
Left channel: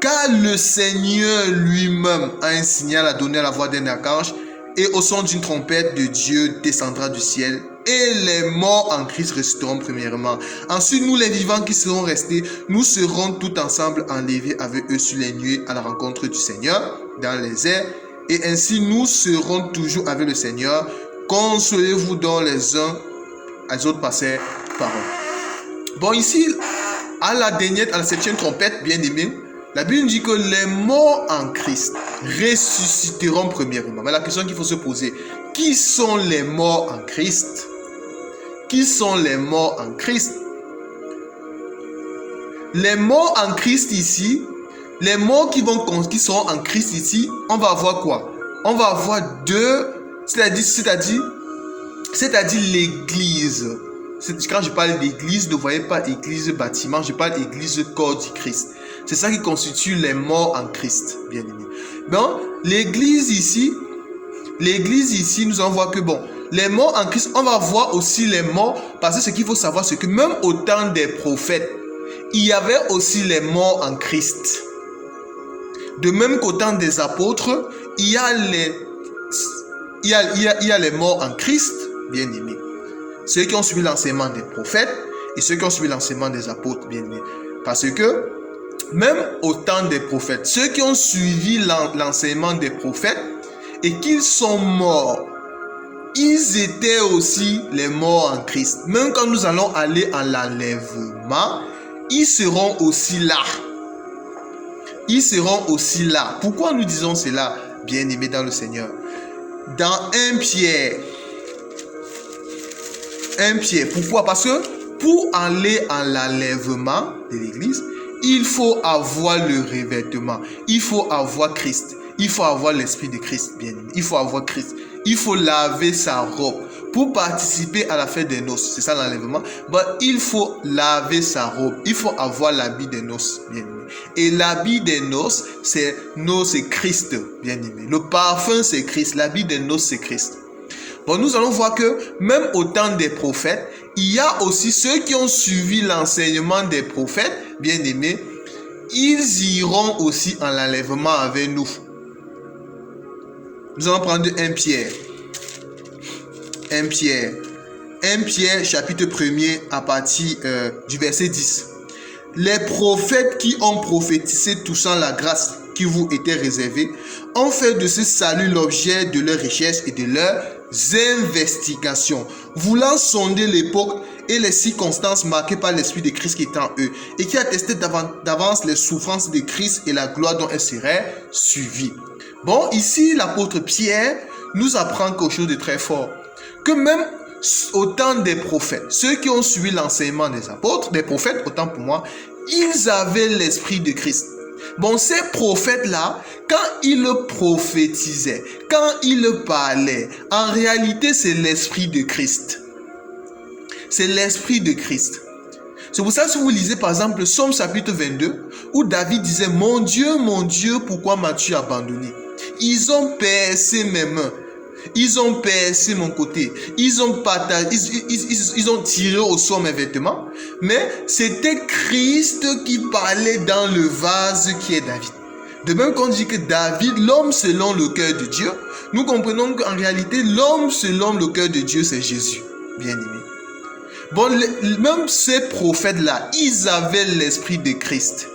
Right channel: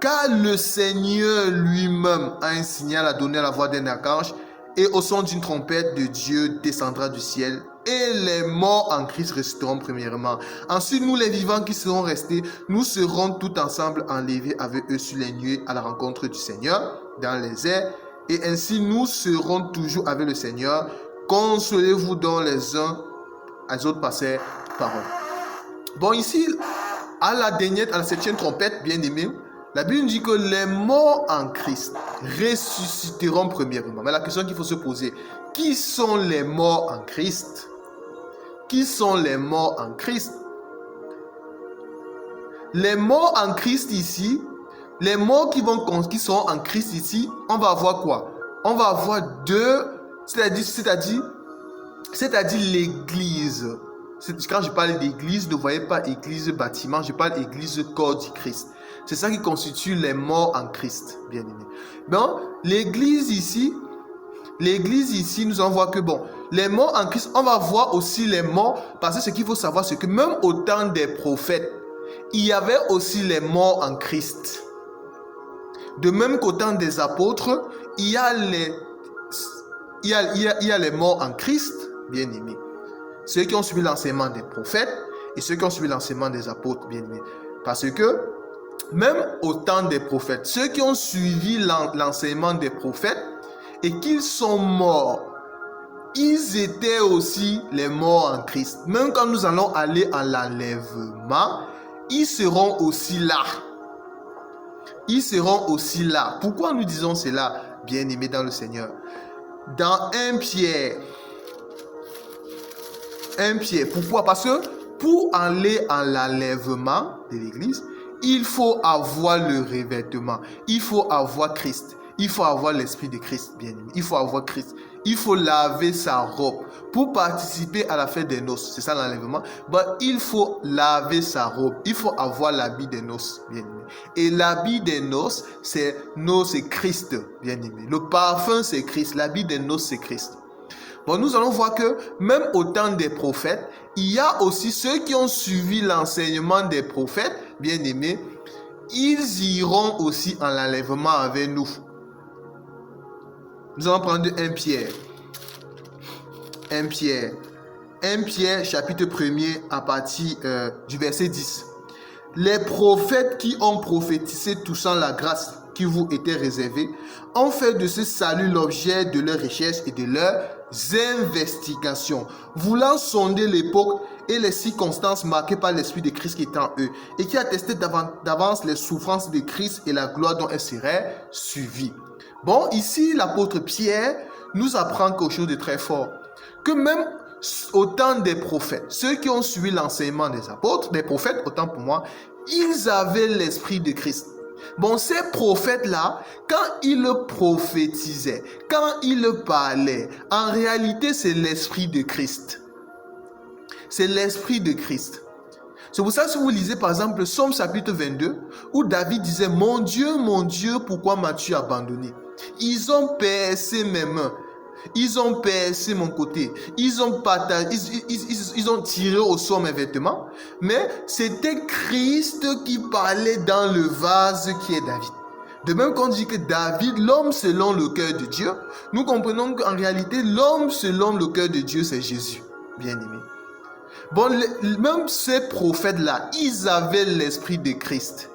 Car le Seigneur lui-même a un signal à donner à la voix d'un archange, et au son d'une trompette de Dieu descendra du ciel, et les morts en Christ resteront premièrement. Ensuite, nous les vivants qui serons restés, nous serons tout ensemble enlevés avec eux sur les nuées à la rencontre du Seigneur dans les airs, et ainsi nous serons toujours avec le Seigneur. Consolez-vous donc les uns les autres par ces paroles. Bon, ici, à la 7e trompette, bien aimé, la Bible dit que les morts en Christ ressusciteront premièrement. Mais la question qu'il faut se poser, qui sont les morts en Christ? Qui sont les morts en Christ? Les morts en Christ ici, les morts qui seront en Christ ici, on va avoir quoi? On va avoir c'est-à-dire l'Église. Quand je parle d'église, ne voyez pas église bâtiment, je parle d'église corps du Christ. C'est ça qui constitue les morts en Christ, bien aimé. Bon, l'église ici, nous allons voir que bon, les morts en Christ, on va voir aussi les morts, parce que ce qu'il faut savoir, c'est que même au temps des prophètes, il y avait aussi les morts en Christ. De même qu'au temps des apôtres, il y a les morts en Christ, bien aimé. Ceux qui ont suivi l'enseignement des prophètes et ceux qui ont suivi l'enseignement des apôtres, bien aimés. Parce que même au temps des prophètes, ceux qui ont suivi l'enseignement des prophètes et qu'ils sont morts, ils étaient aussi les morts en Christ. Même quand nous allons aller à l'enlèvement, ils seront aussi là. Ils seront aussi là. Pourquoi nous disons cela, bien aimés dans le Seigneur? Dans 1 Pierre, pourquoi? Parce que pour aller à l'enlèvement de l'église, il faut avoir le revêtement, il faut avoir Christ, il faut avoir l'esprit de Christ, bien aimé. Il faut avoir Christ, il faut laver sa robe. Pour participer à la fête des noces, c'est ça l'enlèvement, il faut laver sa robe, il faut avoir l'habit des noces, bien aimé. Et l'habit des noces, c'est Christ, bien aimé. Le parfum, c'est Christ, l'habit des noces, c'est Christ. Bon, nous allons voir que même au temps des prophètes, il y a aussi ceux qui ont suivi l'enseignement des prophètes, bien aimés, ils iront aussi en l'enlèvement avec nous. Nous allons prendre 1 Pierre. 1 Pierre chapitre 1er à partir du verset 10. Les prophètes qui ont prophétisé touchant la grâce qui vous était réservée ont fait de ce salut l'objet de leur richesse et de leur investigations, voulant sonder l'époque et les circonstances marquées par l'Esprit de Christ qui est en eux, et qui attestaient d'avance les souffrances de Christ et la gloire dont elles seraient suivies. Bon, ici, l'apôtre Pierre nous apprend quelque chose de très fort, que même au temps des prophètes, ceux qui ont suivi l'enseignement des apôtres, des prophètes, autant pour moi, ils avaient l'Esprit de Christ. Bon, ces prophètes-là, quand ils prophétisaient, quand ils parlaient, en réalité, c'est l'Esprit de Christ. C'est l'Esprit de Christ. C'est pour ça que si vous lisez par exemple Psaume chapitre 22, où David disait « mon Dieu, pourquoi m'as-tu abandonné ?» Ils ont percé mes mains. Ils ont percé mon côté. Ils ont tiré au sort mes vêtements. Mais c'était Christ qui parlait dans le vase qui est David. De même qu'on dit que David, l'homme selon le cœur de Dieu, nous comprenons qu'en réalité, l'homme selon le cœur de Dieu, c'est Jésus, bien-aimé. Bon, même ces prophètes-là, ils avaient l'Esprit de Christ.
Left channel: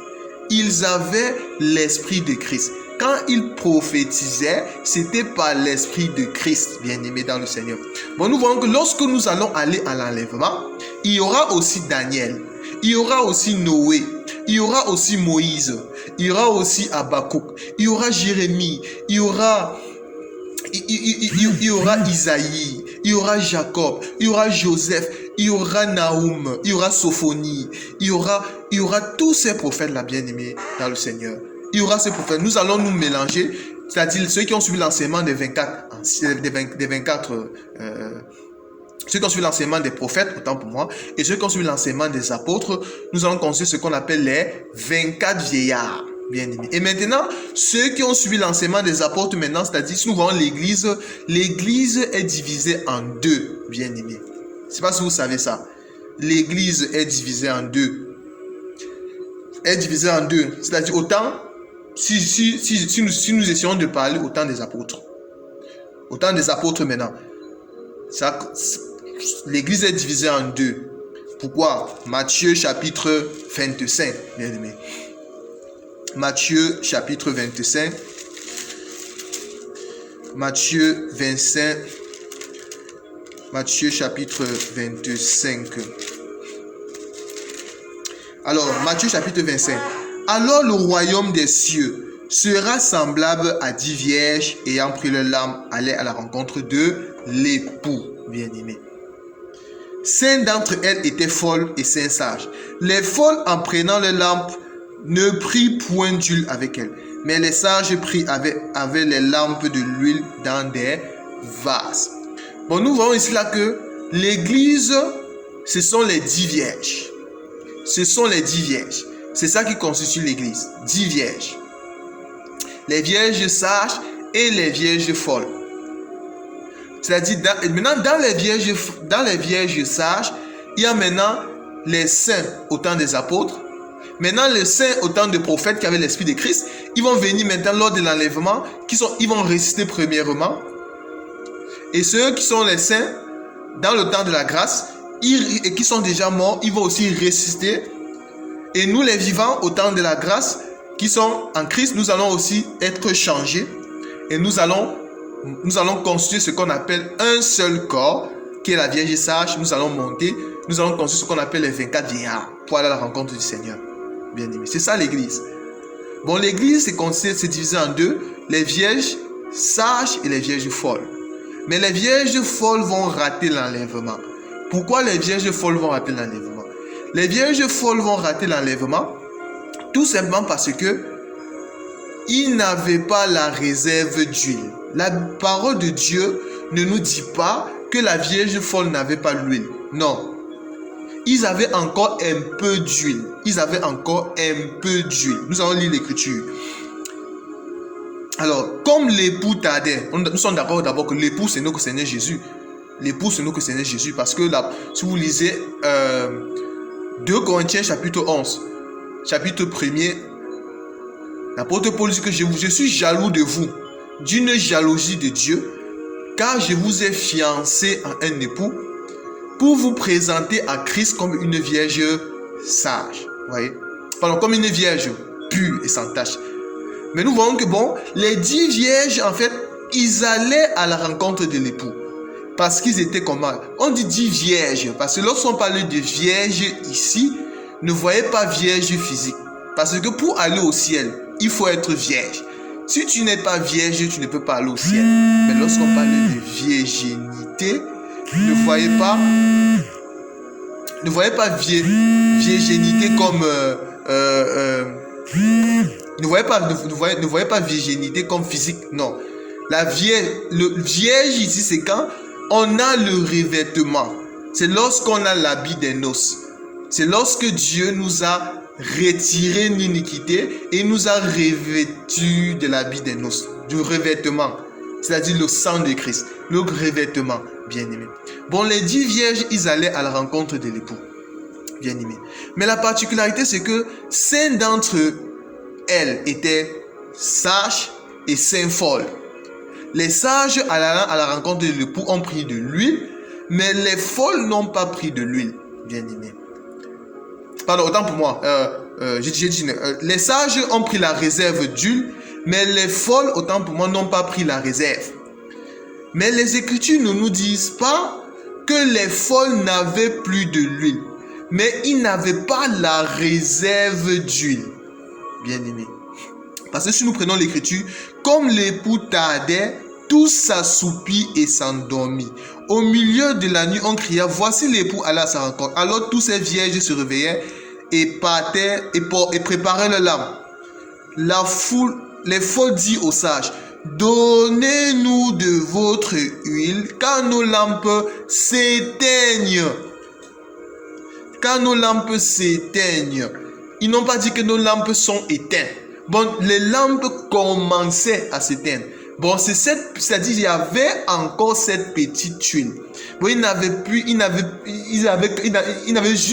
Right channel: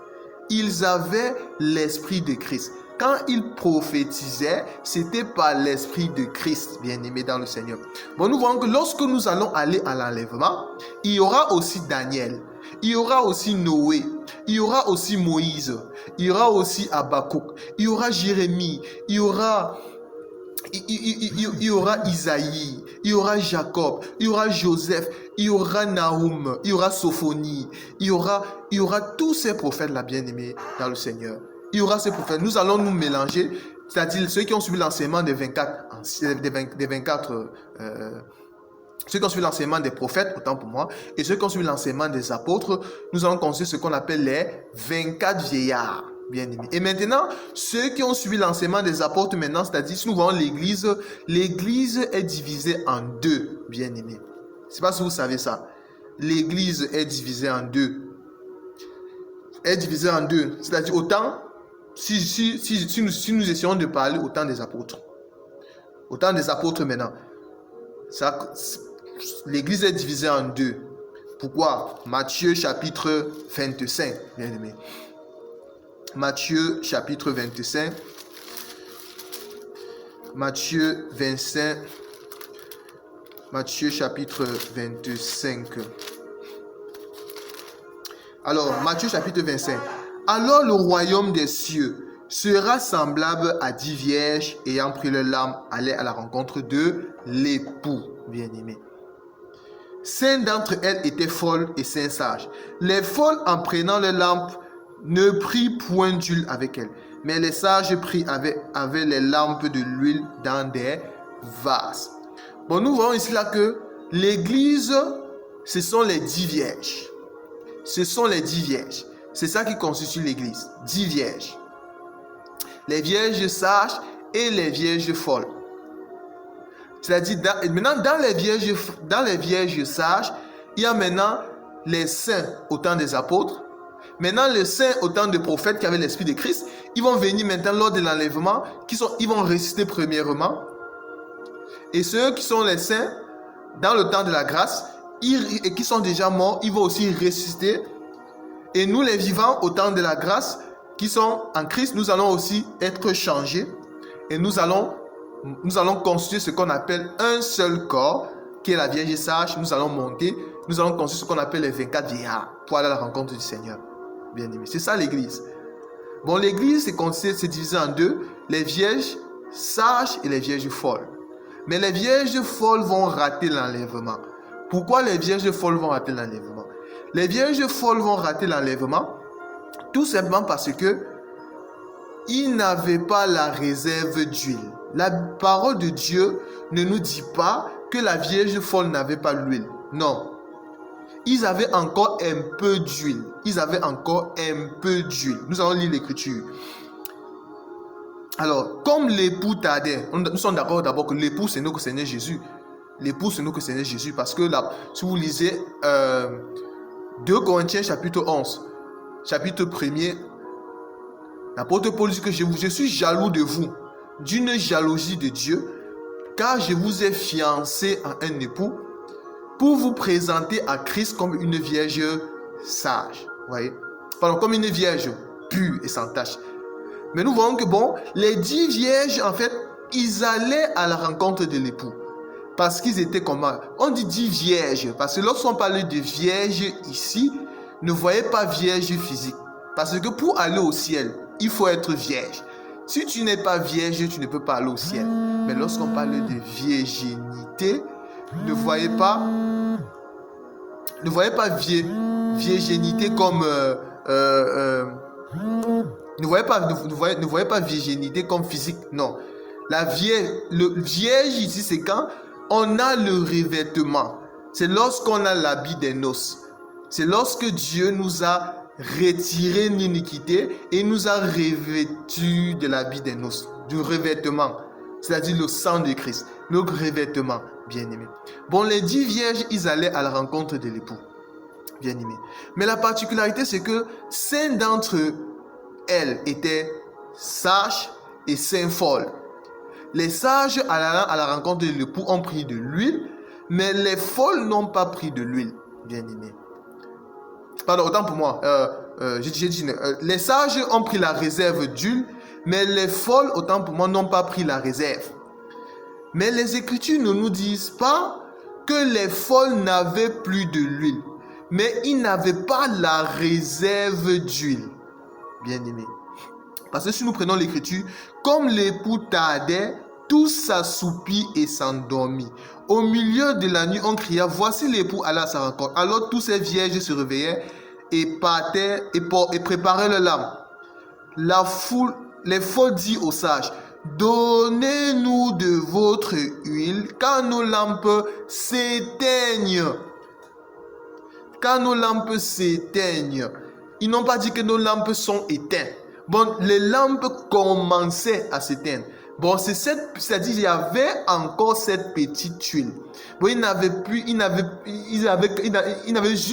Ils avaient l'Esprit de Christ. Quand ils prophétisaient, c'était par l'Esprit de Christ, bien-aimé dans le Seigneur. Bon, nous voyons que lorsque nous allons aller à l'enlèvement, il y aura aussi Daniel, il y aura aussi Noé, il y aura aussi Moïse, il y aura aussi Habakkuk, il y aura Jérémie, il y aura Isaïe, il y aura Jacob, il y aura Joseph, il y aura Nahum, il y aura Sophonie, il y aura tous ces prophètes-là, bien-aimés dans le Seigneur. Il y aura ces prophètes. Nous allons nous mélanger, c'est-à-dire ceux qui ont suivi l'enseignement des 24, ceux qui ont suivi l'enseignement des prophètes, autant pour moi, et ceux qui ont suivi l'enseignement des apôtres, nous allons considérer ce qu'on appelle les 24 vieillards. Bien aimé. Et maintenant, ceux qui ont suivi l'enseignement des apôtres maintenant, c'est-à-dire si nous voyons l'église est divisée en deux, bien aimé. Je ne sais pas si vous savez ça. L'église est divisée en deux. Est divisée en deux. C'est-à-dire autant, si nous essayons de parler au temps des apôtres. Au temps des apôtres maintenant. L'église est divisée en deux. Pourquoi? Matthieu chapitre 25, bien aimé. Matthieu chapitre 25. Matthieu 25. Matthieu chapitre 25. Alors, Matthieu chapitre 25. Alors le royaume des cieux sera semblable à 10 vierges ayant pris leur lampe, allaient à la rencontre de l'époux, bien-aimé. 5 d'entre elles étaient folles et 5 sages. Les folles, en prenant leur lampe, ne prit point d'huile avec elle, mais les sages avaient les lampes de l'huile dans des vases. Bon, nous voyons ici là que l'église, ce sont les 10 vierges. Ce sont les 10 vierges. C'est ça qui constitue l'église. 10 vierges. Les vierges sages et les vierges folles. C'est-à-dire, maintenant, dans les vierges sages, il y a maintenant les saints au temps des apôtres. Maintenant, les saints au temps des prophètes qui avaient l'Esprit de Christ, ils vont venir maintenant lors de l'enlèvement, ils vont résister premièrement. Et ceux qui sont les saints, dans le temps de la grâce, et qui sont déjà morts, ils vont aussi résister. Et nous, les vivants, au temps de la grâce, qui sont en Christ, nous allons aussi être changés. Et nous allons constituer ce qu'on appelle un seul corps, qui est la Vierge sage. Nous allons monter, nous allons constituer ce qu'on appelle les 24 vieillards, pour aller à la rencontre du Seigneur. Bien aimé, c'est ça l'église. Bon, l'église c'est divisé en deux, les vierges sages et les vierges folles. Mais les vierges folles vont rater l'enlèvement. Pourquoi les vierges folles vont rater l'enlèvement? Les vierges folles vont rater l'enlèvement tout simplement parce que ils n'avaient pas la réserve d'huile. La parole de Dieu ne nous dit pas que la vierge folle n'avait pas l'huile. Non. Ils avaient encore un peu d'huile. Ils avaient encore un peu d'huile. Nous allons lire l'écriture. Alors, comme l'époux tardait, nous sommes d'accord d'abord que l'époux, c'est nous que Seigneur Jésus. L'époux, c'est nous que Seigneur Jésus. Parce que là, si vous lisez 2 Corinthiens chapitre 11, chapitre 1er, l'apôtre Paul dit que je suis jaloux de vous, d'une jalousie de Dieu, car je vous ai fiancé à un époux pour vous présenter à Christ comme une vierge sage. Vous voyez? Pardon, comme une vierge pure et sans tache. Mais nous voyons que bon, les 10 vierges, en fait, ils allaient à la rencontre de l'époux. parce qu'ils étaient comment? On dit vierge, parce que lorsqu'on parle de vierge ici, ne voyez pas vierge physique. Parce que pour aller au ciel, il faut être vierge. Si tu n'es pas vierge, tu ne peux pas aller au ciel. Mais lorsqu'on parle de virginité, ne voyez pas virginité comme ne voyez pas virginité comme physique. Non. Le vierge ici, c'est quand on a le revêtement. C'est lorsqu'on a l'habit des noces. C'est lorsque Dieu nous a retiré l'iniquité et nous a revêtus de l'habit des noces, du revêtement, c'est-à-dire le sang de Christ, le revêtement, bien-aimé. Bon, les 10 vierges, ils allaient à la rencontre de l'époux, bien-aimé. Mais la particularité, c'est que 5 d'entre elles étaient sages et 5 folles. Les sages allant à la rencontre de l'époux ont pris de l'huile, mais les folles n'ont pas pris de l'huile, bien-aimé. Pardon, autant pour moi. Les sages ont pris la réserve d'huile, mais les folles, autant pour moi, n'ont pas pris la réserve. Mais les Écritures ne nous disent pas que les folles n'avaient plus de l'huile, mais ils n'avaient pas la réserve d'huile, bien-aimé. Parce que si nous prenons l'Écriture, comme l'époux tardait, tous s'assoupit et s'endormit. Au milieu de la nuit, on cria, voici l'époux alla à sa rencontre. Alors tous ces vierges se réveillaient et partaient et préparaient leur lampe. Les folles dirent aux sages, donnez-nous de votre huile, car nos lampes s'éteignent. Car nos lampes s'éteignent. Ils n'ont pas dit que nos lampes sont éteintes. Bon, les lampes commençaient à s'éteindre. Bon, c'est-à-dire il y avait encore cette petite tuile. Bon,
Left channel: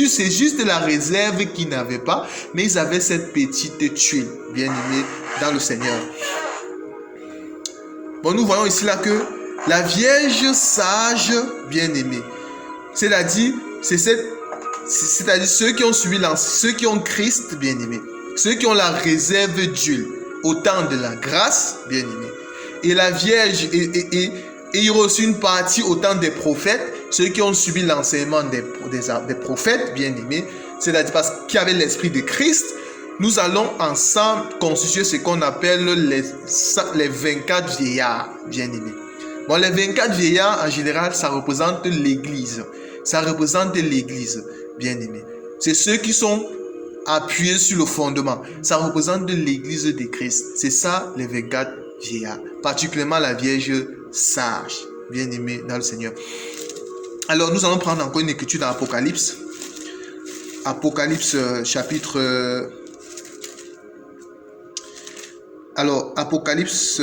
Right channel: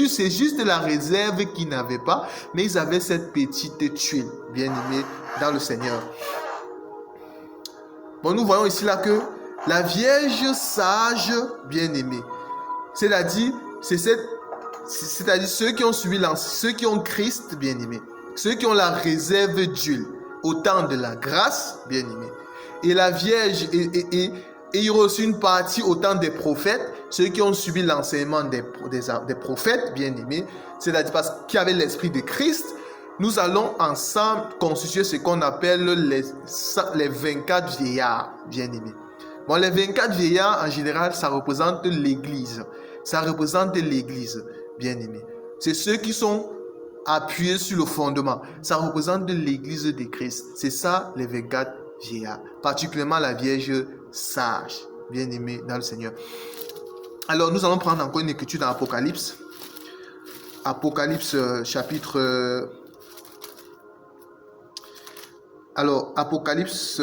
c'est juste la réserve qu'ils n'avaient pas, mais ils avaient cette petite tuile, bien aimée dans le Seigneur. Bon, nous voyons ici là que la Vierge sage, bien aimée, c'est-à-dire ceux qui ont suivi ceux qui ont Christ, bien aimé, ceux qui ont la réserve d'huile au temps de la grâce, bien aimé. Et la Vierge et reçu une partie au temps des prophètes, ceux qui ont subi l'enseignement des prophètes, bien aimés, c'est-à-dire parce qu'il y avait l'esprit de Christ. Nous allons ensemble constituer ce qu'on appelle les 24 vieillards, bien aimés. Bon, les 24 vieillards, en général, ça représente l'Église. Ça représente l'Église, bien aimés. C'est ceux qui sont appuyés sur le fondement. Ça représente l'Église de Christ. C'est ça, les 24 vieillards. Particulièrement la Vierge sage, bien aimée dans le Seigneur. Alors, nous allons prendre encore une écriture dans Apocalypse. Apocalypse chapitre... Alors, Apocalypse...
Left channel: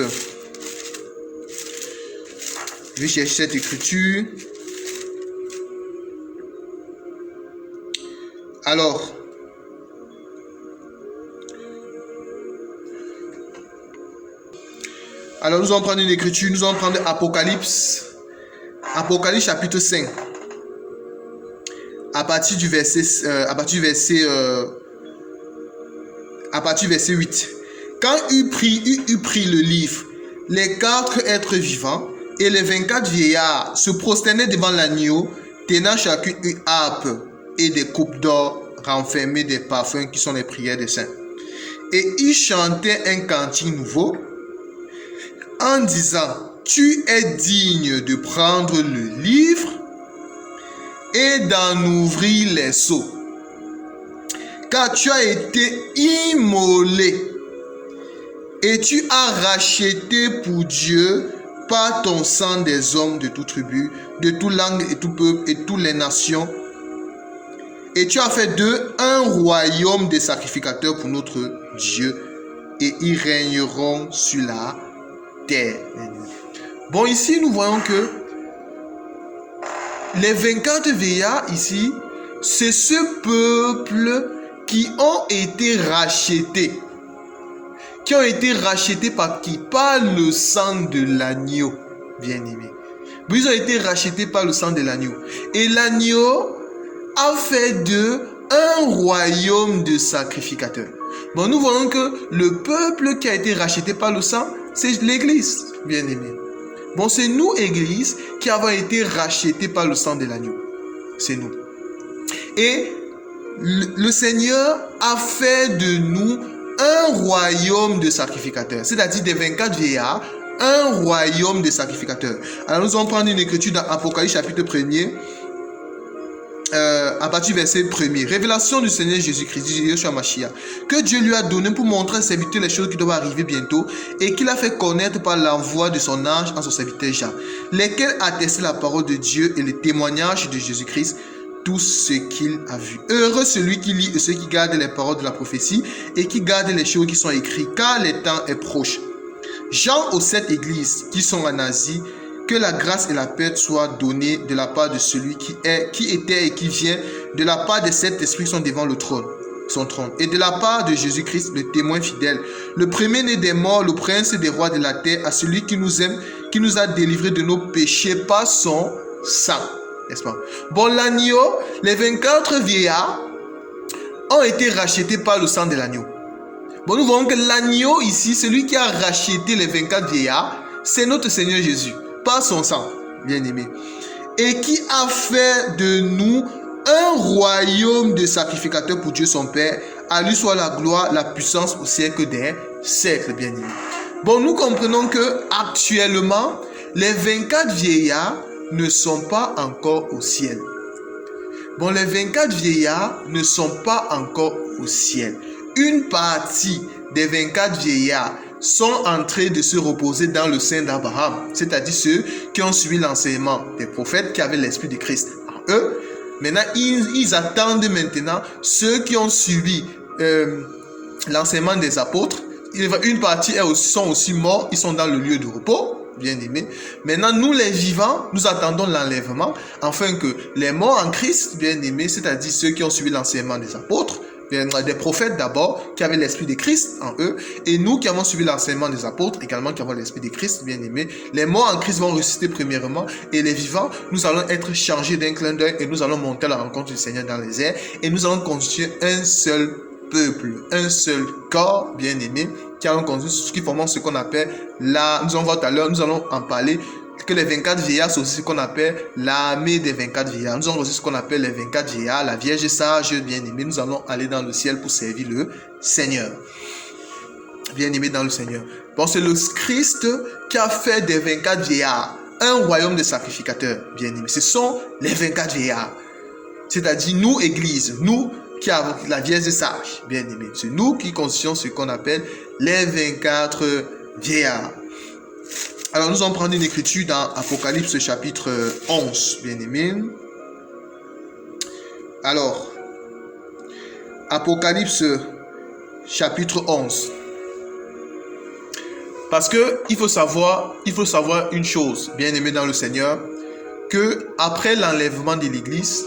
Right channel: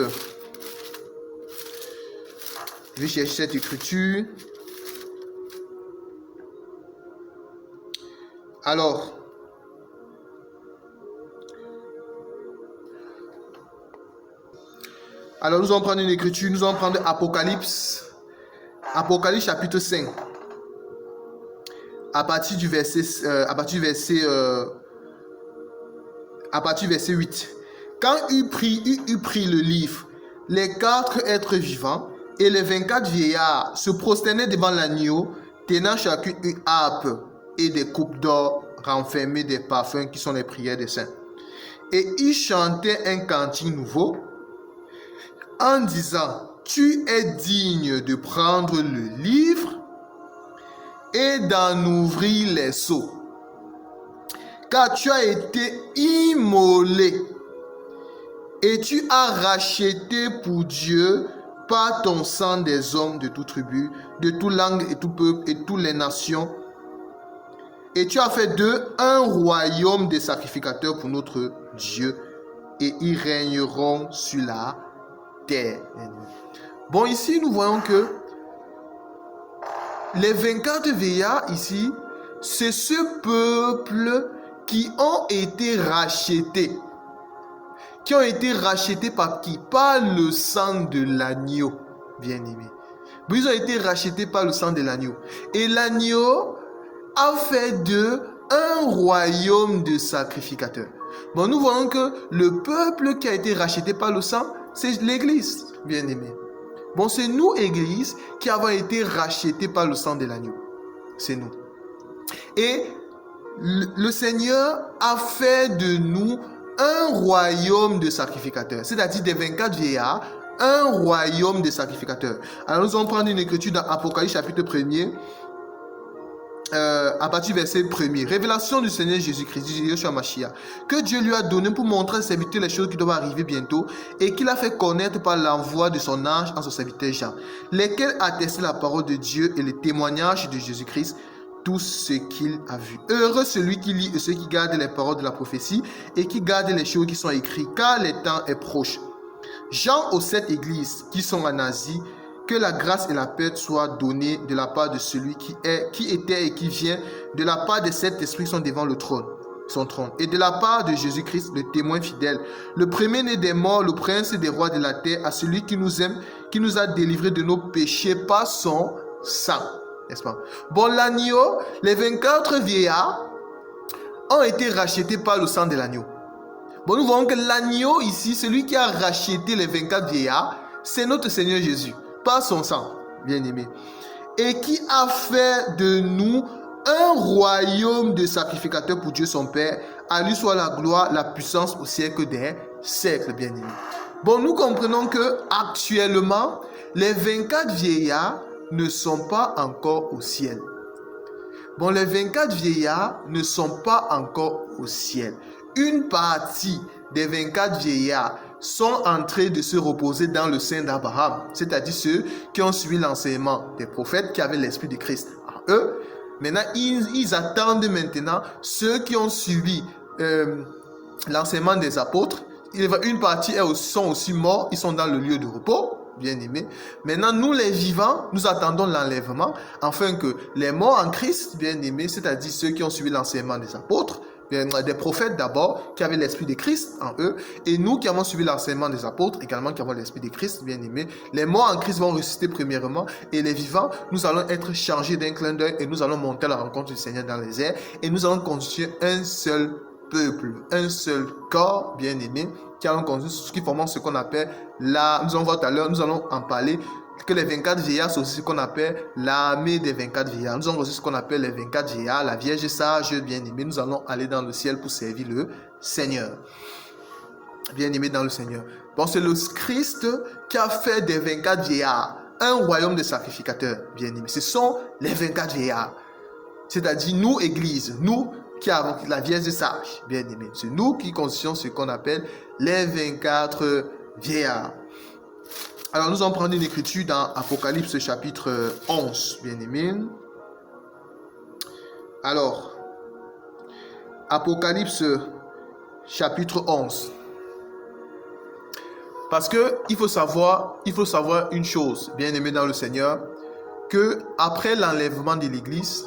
Je vais chercher cette écriture. Alors... nous allons prendre une écriture, nous allons prendre Apocalypse chapitre 5. À partir du verset 8. Quand eut pris le livre, les 4 êtres vivants et les 24 vieillards se prosternaient devant l'agneau, tenant chacune une harpe et des coupes d'or renfermées des parfums qui sont les prières des saints. Et ils chantaient un cantique nouveau, en disant, tu es digne de prendre le livre et d'en ouvrir les sceaux, car tu as été immolé et tu as racheté pour Dieu par ton sang des hommes de toute tribu, de toute langue et tout peuple et toutes les nations. Et tu as fait d'eux un royaume de sacrificateurs pour notre Dieu, et ils régneront sur la terre. Bon, ici, nous voyons que les 24 vieillards ici, c'est ce peuple qui ont été rachetés. Qui ont été rachetés par qui? Par le sang de l'agneau, bien aimé. Ils ont été rachetés par le sang de l'agneau. Et l'agneau a fait d'eux un royaume de sacrificateurs. Bon, nous voyons que le peuple qui a été racheté par le sang, c'est l'Église, bien aimé. Bon, c'est nous, Église, qui avons été rachetés par le sang de l'agneau. C'est nous. Et le Seigneur a fait de nous un royaume de sacrificateurs, c'est-à-dire des 24 vieillards, un royaume de sacrificateurs. Alors nous allons prendre une écriture dans Apocalypse chapitre 1er, à partir du verset 1er. Révélation du Seigneur Jésus-Christ, Yeshua Mashiach, que Dieu lui a donné pour montrer à ses serviteurs les choses qui doivent arriver bientôt et qu'il a fait connaître par l'envoi de son ange à son serviteur Jean, lesquels attestaient la parole de Dieu et le témoignage de Jésus-Christ, tout ce qu'il a vu. Heureux celui qui lit et ceux qui gardent les paroles de la prophétie et qui gardent les choses qui sont écrites, car le temps est proche. Jean aux 7 églises qui sont en Asie, que la grâce et la paix soient données de la part de celui qui était et qui vient, de la part des 7 esprits qui sont devant le trône, son trône, et de la part de Jésus-Christ, le témoin fidèle, le premier-né des morts, le prince des rois de la terre, à celui qui nous aime, qui nous a délivrés de nos péchés par son sang. N'est-ce pas? Bon, l'agneau, les 24 vieillards ont été rachetés par le sang de l'agneau. Bon, nous voyons que l'agneau ici, celui qui a racheté les 24 vieillards, c'est notre Seigneur Jésus, par son sang, bien aimé. Et qui a fait de nous un royaume de sacrificateurs pour Dieu son Père. À lui soit la gloire, la puissance au siècle des siècles, bien aimé. Bon, nous comprenons que actuellement, les 24 vieillards ne sont pas encore au ciel. Bon, les 24 vieillards ne sont pas encore au ciel. Une partie des 24 vieillards sont en train de se reposer dans le sein d'Abraham, c'est-à-dire ceux qui ont suivi l'enseignement des prophètes qui avaient l'esprit de Christ en eux. Maintenant, ils attendent maintenant ceux qui ont suivi l'enseignement des apôtres. Une partie sont aussi morts, ils sont dans le lieu de repos. Bien aimé. Maintenant, nous les vivants, nous attendons l'enlèvement, afin que les morts en Christ, bien aimés, c'est-à-dire ceux qui ont suivi l'enseignement des apôtres, des prophètes d'abord, qui avaient l'esprit de Christ en eux, et nous qui avons suivi l'enseignement des apôtres, également qui avons l'esprit de Christ, bien aimés, les morts en Christ vont ressusciter premièrement, et les vivants, nous allons être changés d'un clin d'œil, et nous allons monter à la rencontre du Seigneur dans les airs, et nous allons constituer un seul peuple, un seul corps, bien aimé, qui allons conduire ce qui forme ce qu'on appelle nous allons voir tout à l'heure, nous allons en parler, que les 24 vieillards, c'est aussi ce qu'on appelle l'armée des 24 vieillards. Nous allons aussi ce qu'on appelle les 24 vieillards, la Vierge sage, bien aimée. Nous allons aller dans le ciel pour servir le Seigneur. Bien aimé dans le Seigneur. Bon, c'est le Christ qui a fait des 24 vieillards un royaume de sacrificateurs, bien aimé. Ce sont les 24 vieillards. C'est-à-dire nous, Église, nous qui avons la Vierge sage, bien aimé. C'est nous qui constituons ce qu'on appelle les 24 vieillards. Alors nous allons prendre une écriture dans Apocalypse chapitre 11, bien aimé. Alors, Apocalypse chapitre 11. Parce que il faut savoir une chose, bien aimé dans le Seigneur, que après l'enlèvement de l'Église,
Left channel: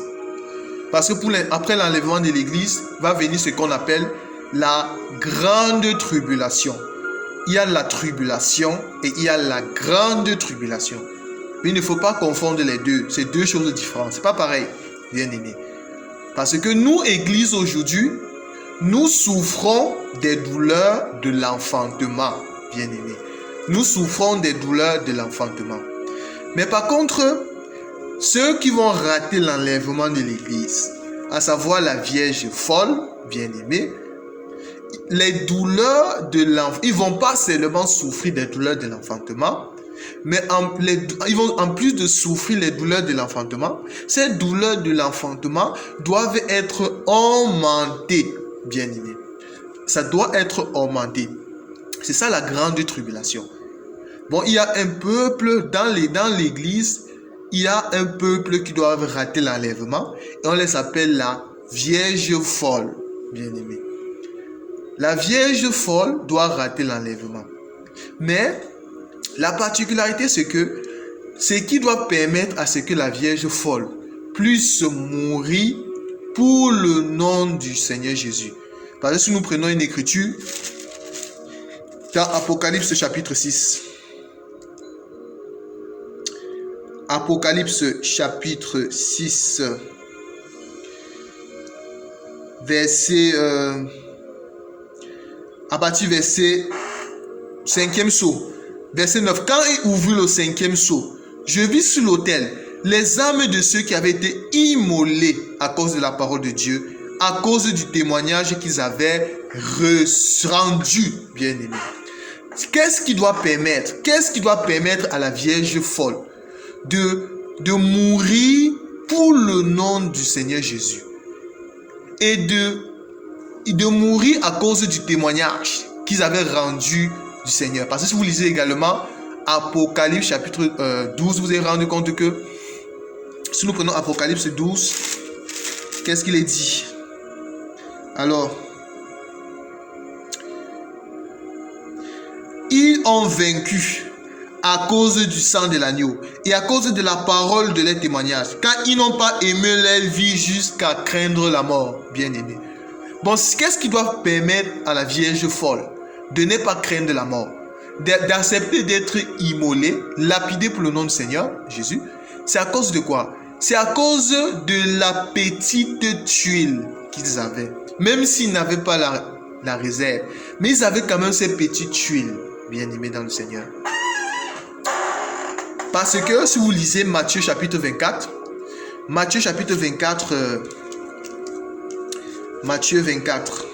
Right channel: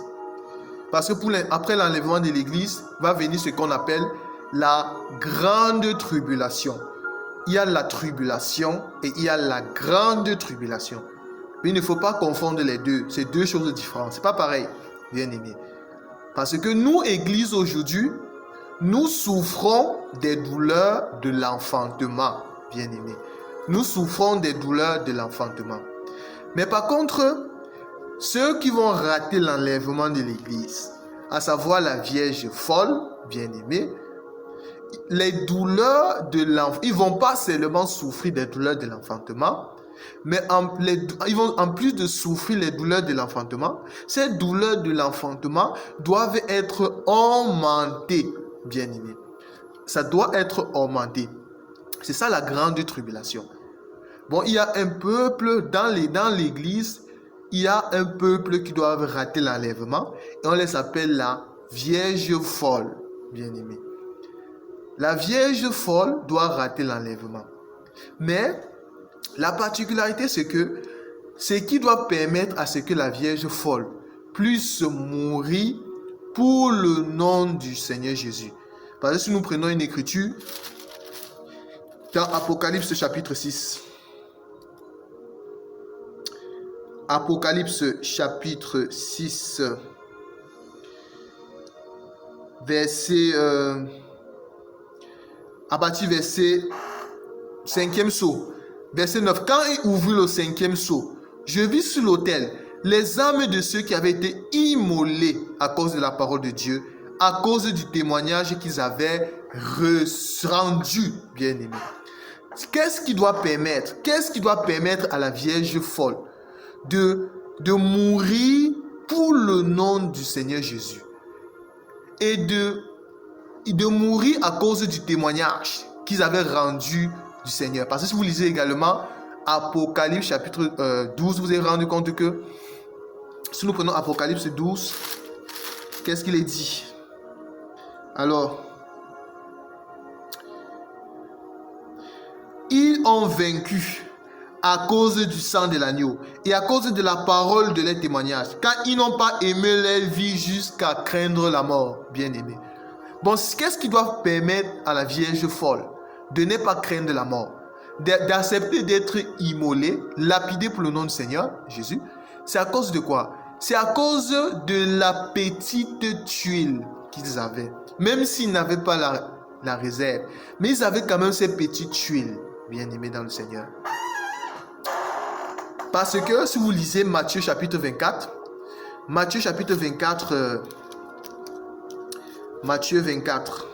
parce que après l'enlèvement de l'Église, va venir ce qu'on appelle la grande tribulation. Il y a la tribulation et il y a la grande tribulation. Mais il ne faut pas confondre les deux. C'est deux choses différentes. C'est pas pareil, bien aimé. Parce que nous, Église, aujourd'hui, nous souffrons des douleurs de l'enfantement, bien aimé. Nous souffrons des douleurs de l'enfantement. Mais par contre, ceux qui vont rater l'enlèvement de l'Église, à savoir la Vierge folle, bien aimée, les douleurs de l'enfantement, ils ne vont pas seulement souffrir des douleurs de l'enfantement, mais ils vont en plus de souffrir les douleurs de l'enfantement, ces douleurs de l'enfantement doivent être augmentées, bien aimé. Ça doit être augmenté. C'est ça la grande tribulation. Bon, il y a un peuple dans l'Église, il y a un peuple qui doit rater l'enlèvement et on les appelle la Vierge folle, bien aimé. La Vierge folle doit rater l'enlèvement. Mais la particularité, c'est que ce qui doit permettre à ce que la Vierge folle puisse mourir pour le nom du Seigneur Jésus. Parce que si nous prenons une écriture dans Apocalypse chapitre 6. Apocalypse chapitre 6. Verset... à partir verset 5e saut. Verset 9. Quand il ouvrit le 5e sceau, je vis sur l'autel les âmes de ceux qui avaient été immolés à cause de la parole de Dieu, à cause du témoignage qu'ils avaient rendu, bien-aimés. Qu'est-ce qui doit permettre à la Vierge folle de mourir pour le nom du Seigneur Jésus et de mourir à cause du témoignage qu'ils avaient rendu du Seigneur? Parce que si vous lisez également Apocalypse chapitre 12, vous vous avez rendu compte que si nous prenons Apocalypse 12, qu'est-ce qu'il est dit? Alors, ils ont vaincu à cause du sang de l'agneau et à cause de la parole de leur témoignage, car ils n'ont pas aimé leur vie jusqu'à craindre la mort, bien-aimés. Bon, qu'est-ce qui doit permettre à la Vierge folle de ne pas craindre la mort, d'accepter d'être immolée, lapidée pour le nom du Seigneur Jésus? C'est à cause de quoi? C'est à cause de la petite tuile qu'ils avaient. Même s'ils n'avaient pas la réserve, mais ils avaient quand même ces petites tuiles, bien-aimés dans le Seigneur. Parce que si vous lisez Matthieu chapitre 24, Matthieu chapitre 24, Matthieu 24,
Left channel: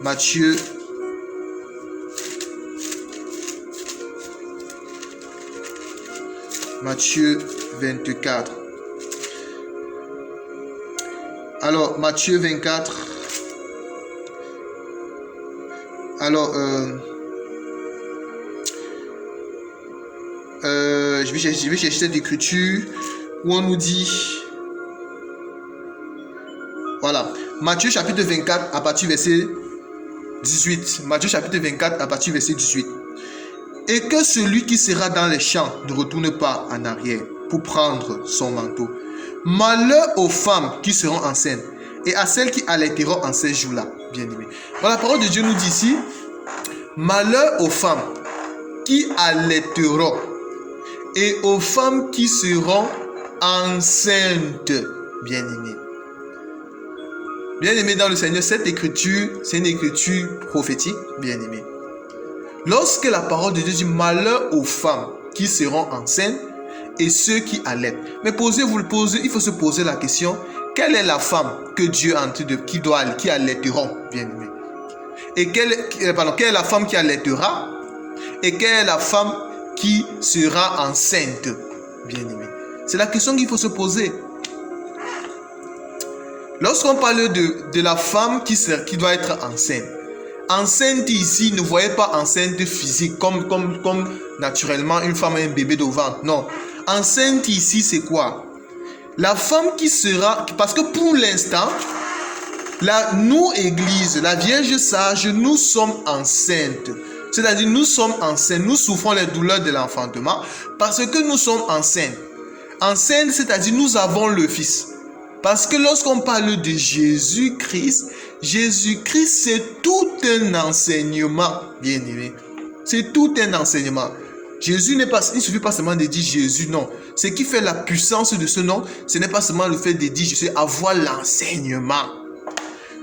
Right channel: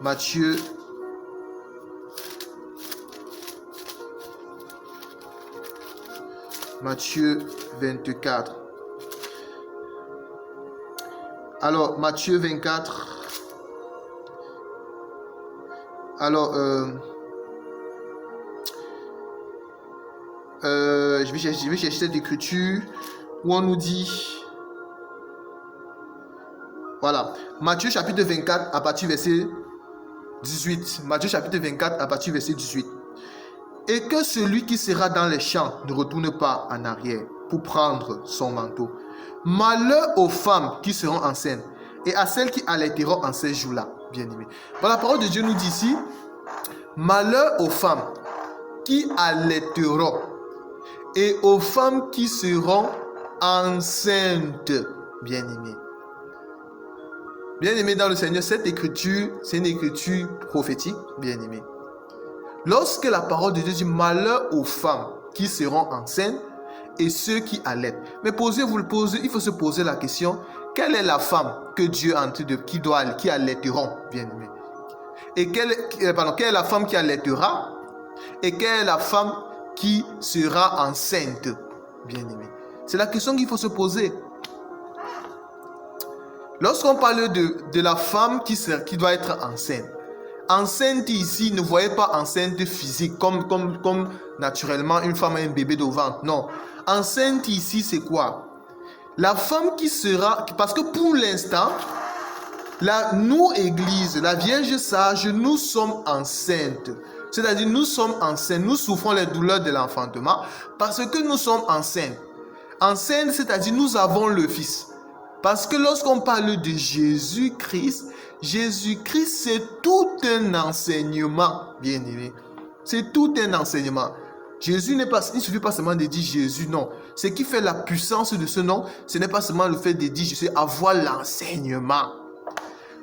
Matthieu Matthieu 24. Alors, Matthieu 24. Alors, je vais chercher cette écriture où on nous dit... Voilà. Matthieu chapitre 24 à partir du verset 18. Matthieu chapitre 24 à partir du verset 18. Et que celui qui sera dans les champs ne retourne pas en arrière pour prendre son manteau. Malheur aux femmes qui seront enceintes et à celles qui allaiteront en ces jours-là, bien-aimés. La parole de Dieu nous dit ici, malheur aux femmes qui allaiteront et aux femmes qui seront enceintes, bien-aimés. Bien-aimés dans le Seigneur, cette écriture, c'est une écriture prophétique, bien-aimés. Lorsque la parole de Dieu dit malheur aux femmes qui seront enceintes et ceux qui allaitent. Mais il faut se poser la question, quelle est la femme que Dieu a en train de qui allaiteront, bien-aimés? Et quelle est la femme qui allaitera? Et quelle est la femme qui sera enceinte, bien-aimés? C'est la question qu'il faut se poser. Lorsqu'on parle de la femme qui doit être enceinte, enceinte ici, ne voyez pas enceinte physique comme naturellement une femme a un bébé devant. Non. Enceinte ici, c'est quoi? La femme qui sera... Parce que pour l'instant, nous, Église, la Vierge sage, nous sommes enceintes. C'est-à-dire, nous sommes enceintes. Nous souffrons les douleurs de l'enfantement parce que nous sommes enceintes. Enceinte, c'est-à-dire, nous avons le Fils. Parce que lorsqu'on parle de Jésus-Christ, c'est tout un enseignement, bien-aimé. C'est tout un enseignement. Jésus il ne suffit pas seulement de dire Jésus, non. Ce qui fait la puissance de ce nom, ce n'est pas seulement le fait de dire Jésus, avoir l'enseignement.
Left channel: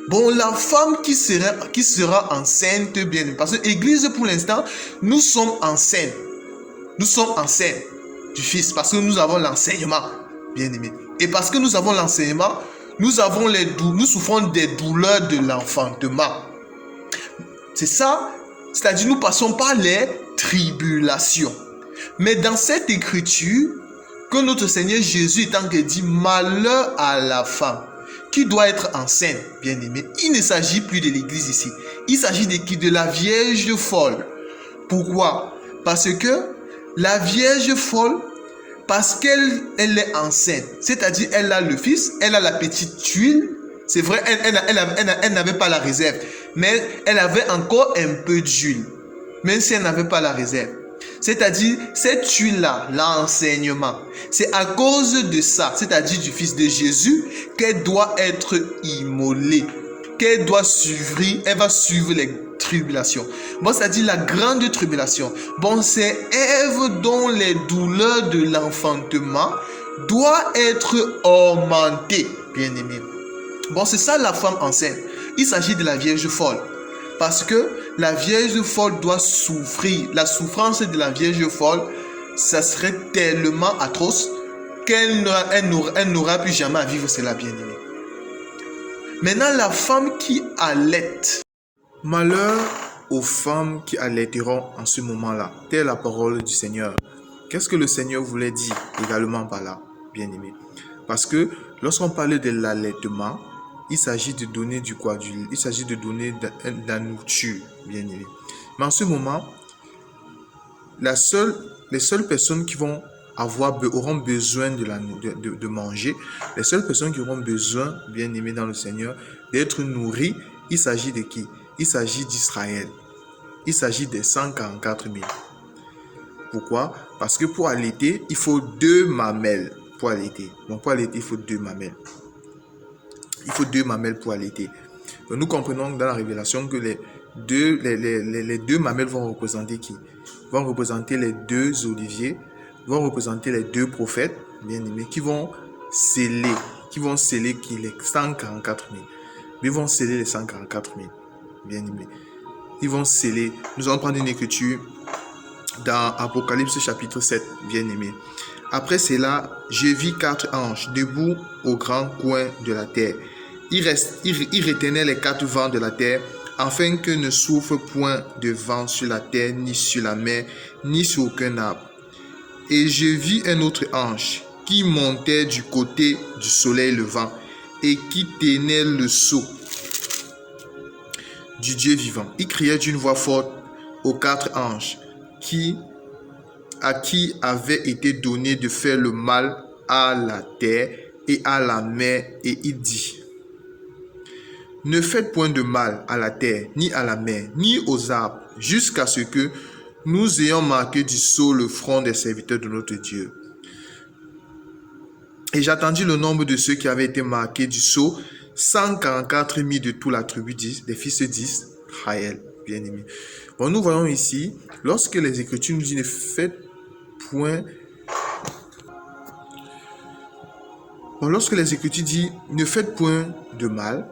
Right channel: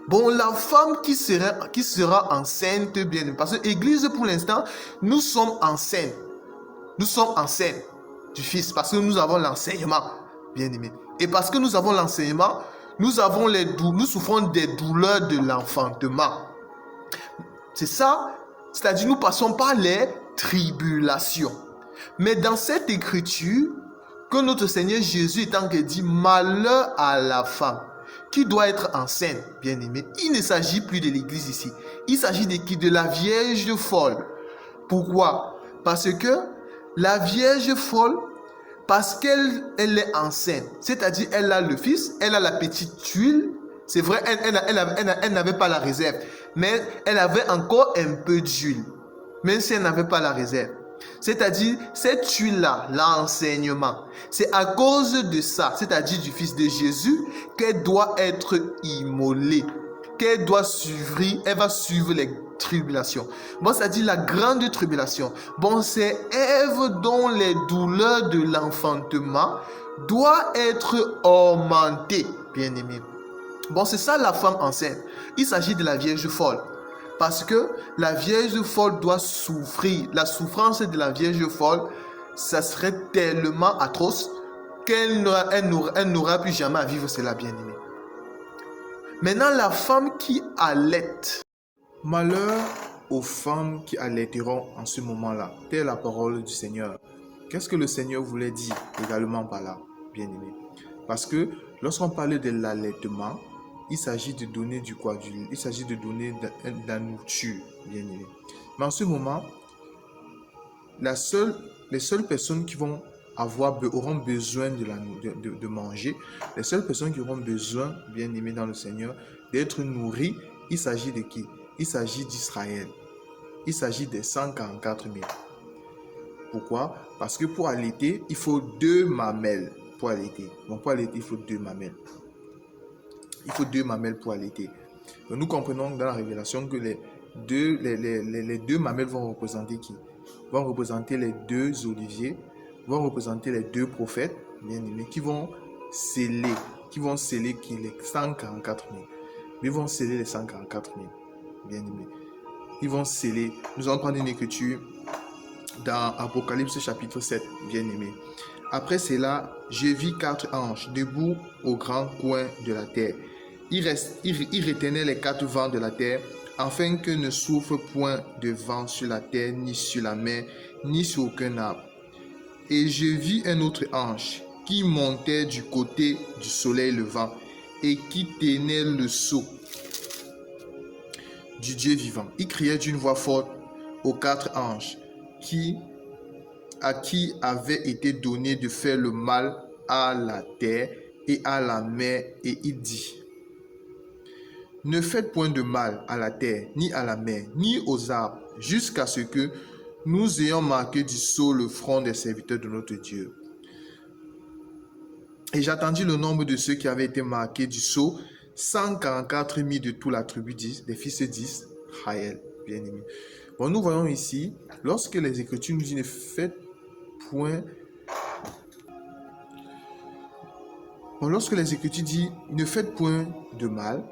Bon, la femme qui sera enceinte, bien-aimé. Parce que l'Église, pour l'instant, nous sommes enceintes. Nous sommes enceintes du Fils parce que nous avons l'enseignement, bien-aimé. Et parce que nous avons l'enseignement, nous souffrons des douleurs de l'enfantement. C'est ça, c'est-à-dire nous passons par les tribulations. Mais dans cette écriture, que notre Seigneur Jésus est en train de dire malheur à la femme qui doit être enceinte, bien-aimé. Il ne s'agit plus de l'église ici. Il s'agit de la Vierge folle. Pourquoi? Parce que la Vierge folle, parce qu'elle est enceinte, c'est-à-dire elle a le Fils, elle a la petite tuile. C'est vrai, elle n'avait pas la réserve, mais elle avait encore un peu d'huile, même si elle n'avait pas la réserve. C'est-à-dire, cette huile-là, l'enseignement, c'est à cause de ça, c'est-à-dire du Fils de Jésus, qu'elle doit être immolée, qu'elle doit suivre, elle va suivre les tribulations. Bon, c'est-à-dire la grande tribulation. Bon, c'est Ève dont les douleurs de l'enfantement doivent être augmentées, bien-aimés. Bon, c'est ça la femme enceinte. Il s'agit de la Vierge folle. Parce que la Vierge folle doit souffrir. La souffrance de la Vierge folle, ça serait tellement atroce qu'elle n'aura plus jamais à vivre cela, bien-aimé. Maintenant, la femme qui allaite. Malheur aux femmes qui allaiteront en ce moment-là. Telle est la parole du Seigneur. Qu'est-ce que le Seigneur voulait dire également par là, bien-aimé? Parce que lorsqu'on parle de l'allaitement, il s'agit de donner il s'agit de donner de la nourriture, bien-aimé. Mais en ce moment, les seules personnes qui auront besoin de manger, les seules personnes qui auront besoin, bien-aimé dans le Seigneur, d'être nourries, il s'agit de qui? Il s'agit d'Israël. Il s'agit des 144 000. Pourquoi? Parce que pour allaiter, il faut 2 mamelles pour allaiter. Donc pour allaiter, il faut 2 mamelles. Il faut 2 mamelles pour allaiter. Donc nous comprenons dans la révélation que les deux mamelles vont représenter qui? Vont représenter les 2 oliviers, vont représenter les 2 prophètes, bien aimés, qui vont sceller qui les 144 000. Ils vont sceller les 144 000, bien aimés. Ils vont sceller. Nous allons prendre une écriture dans Apocalypse chapitre 7, bien aimé. Après cela, je vis 4 anges debout au grand coin de la terre. Ils retenaient les 4 vents de la terre, afin que ne souffle point de vent sur la terre, ni sur la mer, ni sur aucun arbre. Et je vis un autre ange qui montait du côté du soleil levant et qui tenait le sceau du Dieu vivant. Il criait d'une voix forte aux 4 anges à qui avait été donné de faire le mal à la terre et à la mer, et il dit: ne faites point de mal à la terre, ni à la mer, ni aux arbres, jusqu'à ce que nous ayons marqué du sceau le front des serviteurs de notre Dieu. Et j'attendis le nombre de ceux qui avaient été marqués du sceau, 144 000 de toute la tribu des fils d'Israël, bien-aimés. Bon, nous voyons ici, lorsque les Écritures nous disent ne faites point. Bon, lorsque les Écritures disent ne faites point de mal,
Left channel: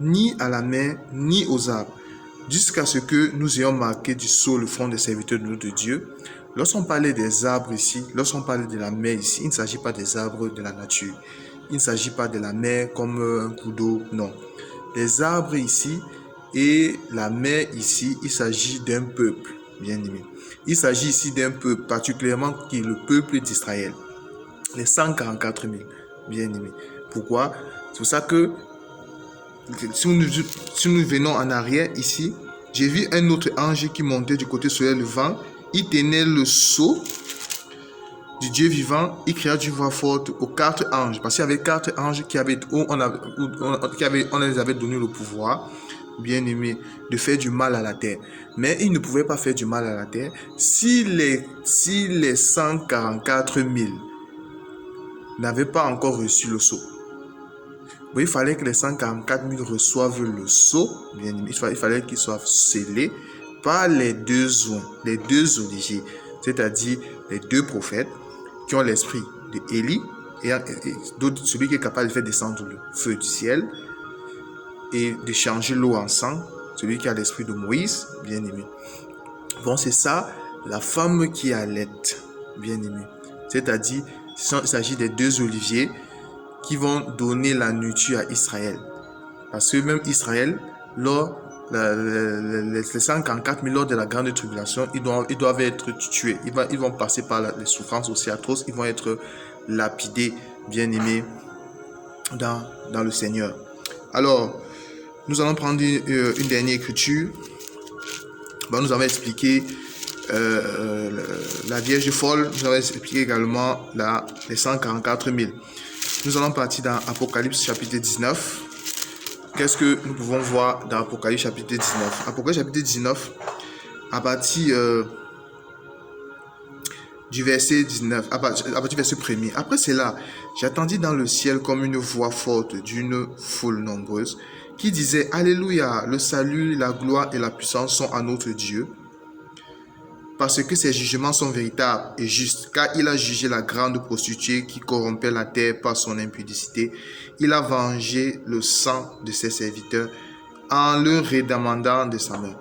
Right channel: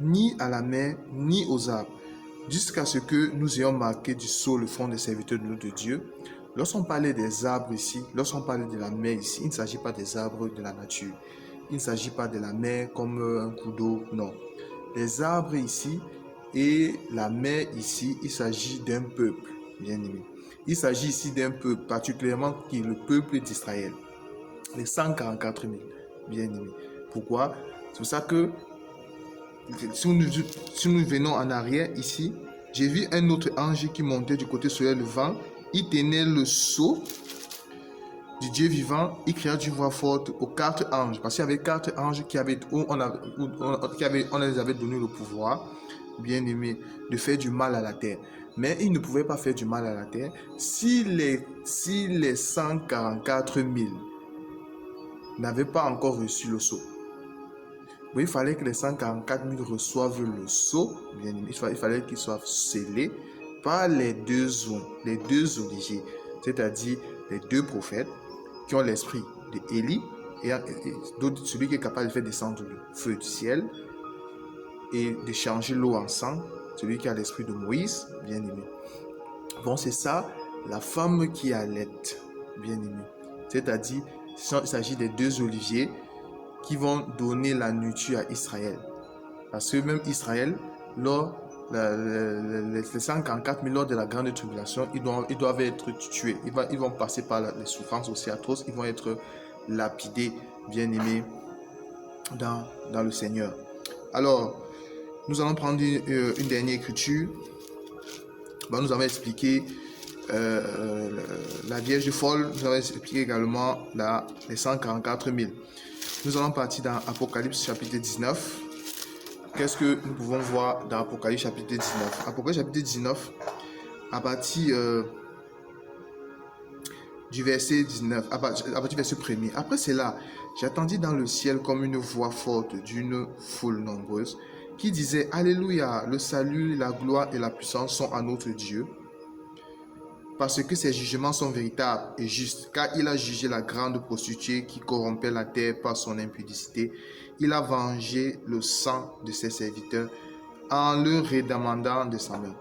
ni à la mer, ni aux arbres, jusqu'à ce que nous ayons marqué du sceau le front des serviteurs de notre Dieu. Lorsqu'on parlait des arbres ici, lorsqu'on parlait de la mer ici, il ne s'agit pas des arbres de la nature. Il ne s'agit pas de la mer comme un coup d'eau, non. Les arbres ici et la mer ici, il s'agit d'un peuple, bien aimé. Il s'agit ici d'un peuple, particulièrement qui est le peuple d'Israël. Les 144 000, bien aimé. Pourquoi? C'est pour ça que si nous venons en arrière ici, j'ai vu un autre ange qui montait du côté soleil levant. Il tenait le sceau du Dieu vivant. Il cria d'une voix forte aux 4 anges. Parce qu'il y avait 4 anges on les avait donné le pouvoir, bien aimé, de faire du mal à la terre. Mais ils ne pouvaient pas faire du mal à la terre si les 144 000 n'avaient pas encore reçu le sceau. Oui, il fallait que les 144 000 reçoivent le sceau, bien aimé. Il fallait qu'ils soient scellés par les 2 oliviers, c'est-à-dire les 2 prophètes qui ont l'esprit d'Élie et celui qui est capable de faire descendre le feu du ciel et de changer l'eau en sang, celui qui a l'esprit de Moïse, bien aimé. Bon, c'est ça, la femme qui allaite, bien aimé. C'est-à-dire, il s'agit des 2 oliviers qui vont donner la nourriture à Israël. Parce que même Israël, les 144 000 lors de la grande tribulation, ils doivent être tués. Ils vont passer par les souffrances aussi atroces. Ils vont être lapidés, bien aimés, dans le Seigneur. Alors, nous allons prendre une dernière écriture. Bon, nous avons expliqué la Vierge folle. Nous avons expliqué également les 144 000. Nous allons partir dans Apocalypse chapitre 19. Qu'est-ce que nous pouvons voir dans Apocalypse chapitre 19? Apocalypse chapitre 19, à partir du verset 19, à partir du verset 1er. Après cela, j'attendis dans le ciel comme une voix forte d'une foule nombreuse qui disait: Alléluia, le salut, la gloire et la puissance sont à notre Dieu, parce que ses jugements sont véritables et justes, car il a jugé la grande prostituée qui corrompait la terre par son impudicité. Il a vengé le sang de ses serviteurs en le redemandant de sa main.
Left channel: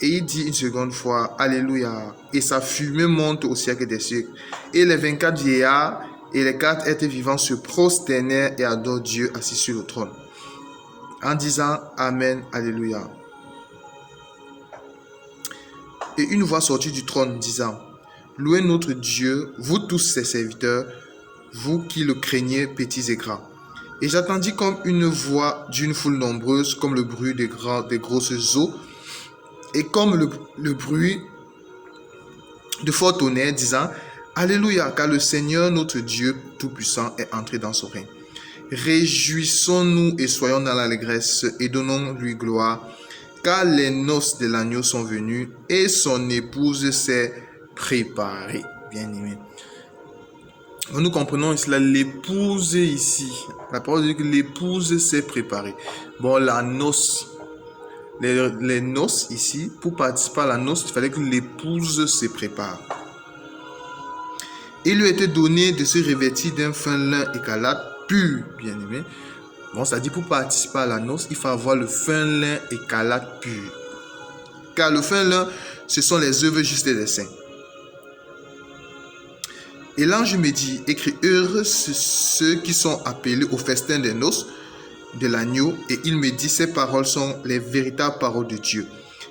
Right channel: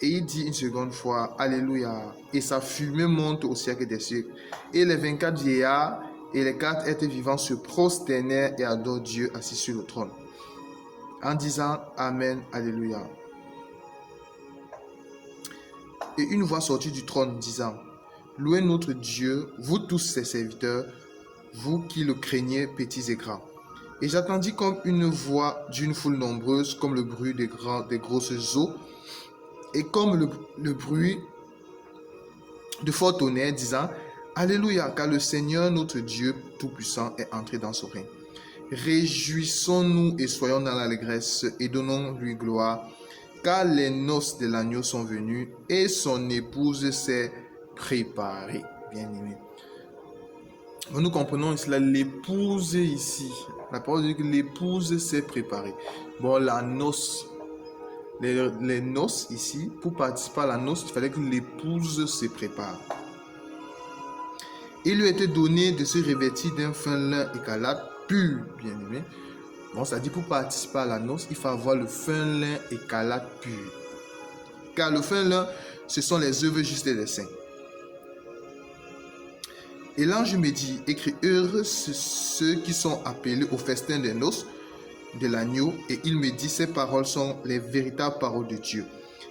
Et il dit une seconde fois, Alléluia. Et sa fumée monte au siècle des siècles. Et les 24 vieillards et les 4 êtres vivants se prosternèrent et adorent Dieu assis sur le trône, en disant Amen, Alléluia. Et une voix sortit du trône disant, Louez notre Dieu, vous tous ses serviteurs, vous qui le craignez, petits et grands. Et j'entendis comme une voix d'une foule nombreuse, comme le bruit des grosses eaux, et comme le bruit de fort tonnerre, disant, Alléluia, car le Seigneur notre Dieu Tout-Puissant est entré dans son règne. Réjouissons-nous et soyons dans l'allégresse et donnons-lui gloire, car les noces de l'agneau sont venues et son épouse s'est préparée. Bien-aimé. Nous comprenons cela, l'épouse ici. La parole dit que l'épouse s'est préparée. Bon, la noce. Les noces ici, pour participer à la noce, il fallait que l'épouse se prépare. Il lui était donné de se revêtir d'un fin lin écarlate pur, bien-aimé. Bon, ça dit pour participer à la noce, il faut avoir le fin lin écarlate pur. Car le fin lin, ce sont les œuvres justes des saints. Et l'ange me dit, écris, heureux ceux qui sont appelés au festin des noces de l'agneau. Et il me dit, ces paroles sont les véritables paroles de Dieu.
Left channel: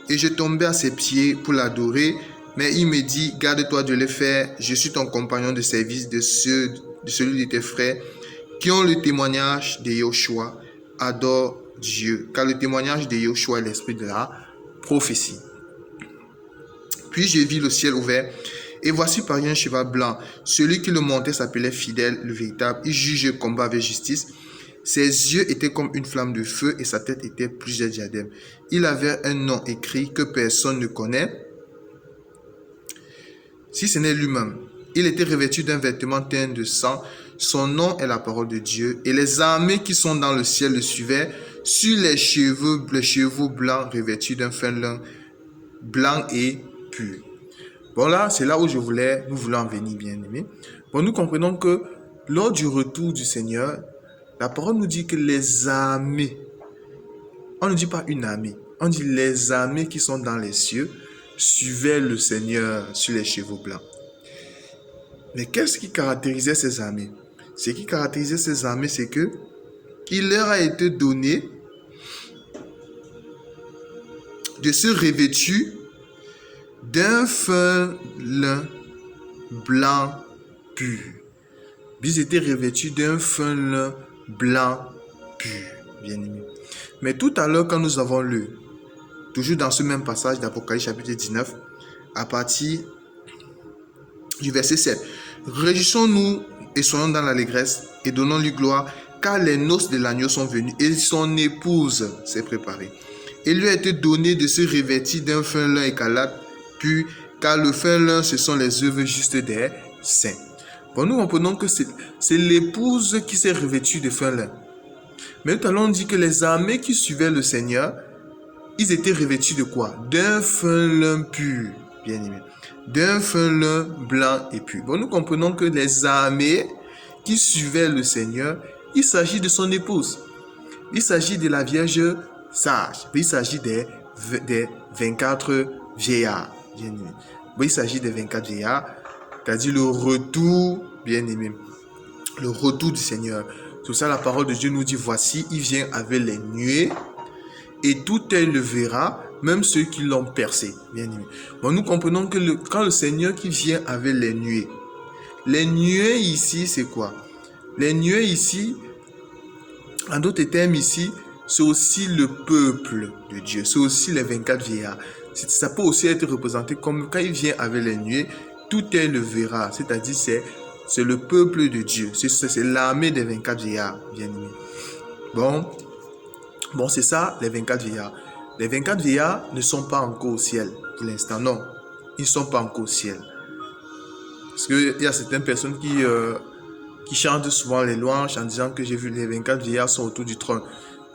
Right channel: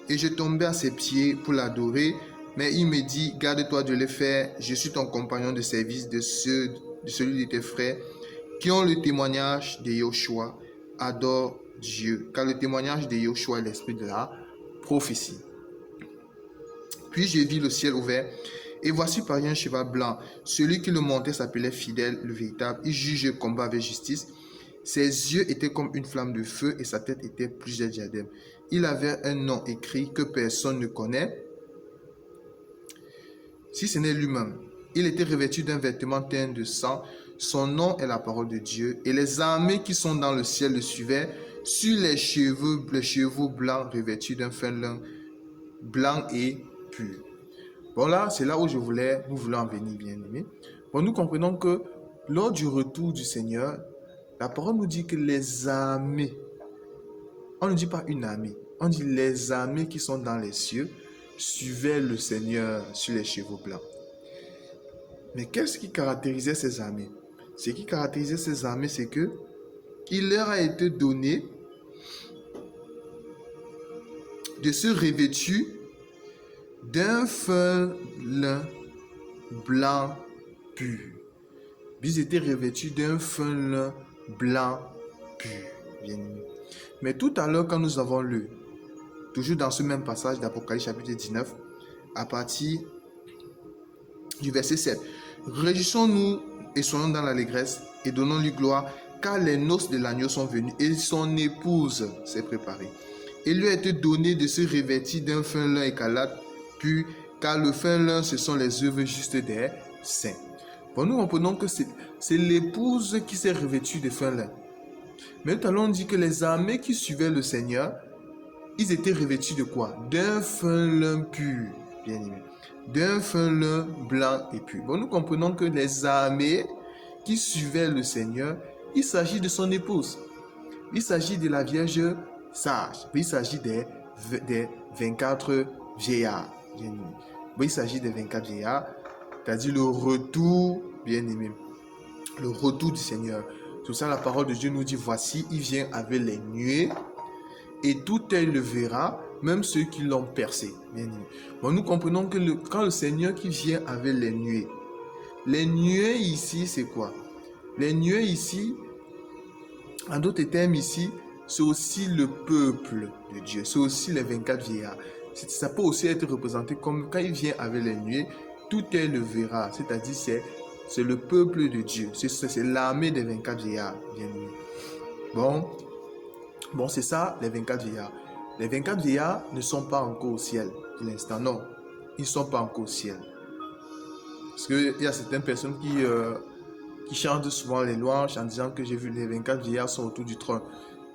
Et je tombais à ses pieds pour l'adorer, mais il me dit, garde-toi de le faire, je suis ton compagnon de service de celui de tes frères qui ont le témoignage de Yahushua, adore Dieu, car le témoignage de Yahushua est l'esprit de la prophétie. Puis je vis le ciel ouvert, et voici pareil un cheval blanc. Celui qui le montait s'appelait Fidèle, le véritable. Il juge et combat avec justice. Ses yeux étaient comme une flamme de feu et sa tête était plusieurs diadèmes. Il avait un nom écrit que personne ne connaît, si ce n'est lui-même. Il était revêtu d'un vêtement teint de sang. Son nom est la parole de Dieu. Et les armées qui sont dans le ciel le suivaient sur les chevaux blancs revêtus d'un fin lin blanc et pur. Bon, là, c'est là où nous voulons en venir, bien aimés. Bon, nous comprenons que lors du retour du Seigneur, la parole nous dit que les armées, on ne dit pas une armée, on dit les armées qui sont dans les cieux suivaient le Seigneur sur les chevaux blancs. Mais qu'est-ce qui caractérisait ces armées? Ce qui caractérisait ces armées, c'est que il leur a été donné de se revêtir d'un fin lin blanc pur. Ils étaient revêtus d'un fin lin blanc pur, bien aimé. Mais tout à l'heure, quand nous avons lu, toujours dans ce même passage d'Apocalypse chapitre 19, à partir du verset 7, réjouissons-nous et soyons dans l'allégresse et donnons-lui gloire, car les noces de l'agneau sont venues et son épouse s'est préparée. Il lui a été donné de se revêtir d'un fin lin écarlate pur, car le fin lin, ce sont les œuvres justes des saints. Bon, nous comprenons que c'est l'épouse qui s'est revêtue de fin lin. Mais nous allons dire que les armées qui suivaient le Seigneur, ils étaient revêtus de quoi? D'un fin lin pur, bien aimé. D'un fin lin blanc et pur. Bon, nous comprenons que les armées qui suivaient le Seigneur, il s'agit de son épouse. Il s'agit de la Vierge sage. Il s'agit des 24 vieillards, bien aimé. Bon, il s'agit des 24 vieillards, c'est-à-dire le retour, bien aimé, le retour du Seigneur. Tout ça, la parole de Dieu nous dit, voici, il vient avec les nuées, et tout œil le verra, même ceux qui l'ont percé, bien aimé. Bon, nous comprenons que quand le Seigneur qui vient avec les nuées ici, c'est quoi? Les nuées ici, en d'autres termes ici, c'est aussi le peuple de Dieu, c'est aussi les 24 vieillards. Ça peut aussi être représenté comme quand il vient avec les nuées, tout œil le verra, c'est-à-dire c'est le peuple de Dieu, c'est l'armée des 24 vieillards, bien aimé. Bon, c'est ça, les 24 vieillards. Les 24 vieillards ne sont pas encore au ciel pour l'instant, non. Ils ne sont pas encore au ciel. Parce qu'il y a certaines personnes qui chantent souvent les louanges en disant que j'ai vu les 24 vieillards sont autour du trône.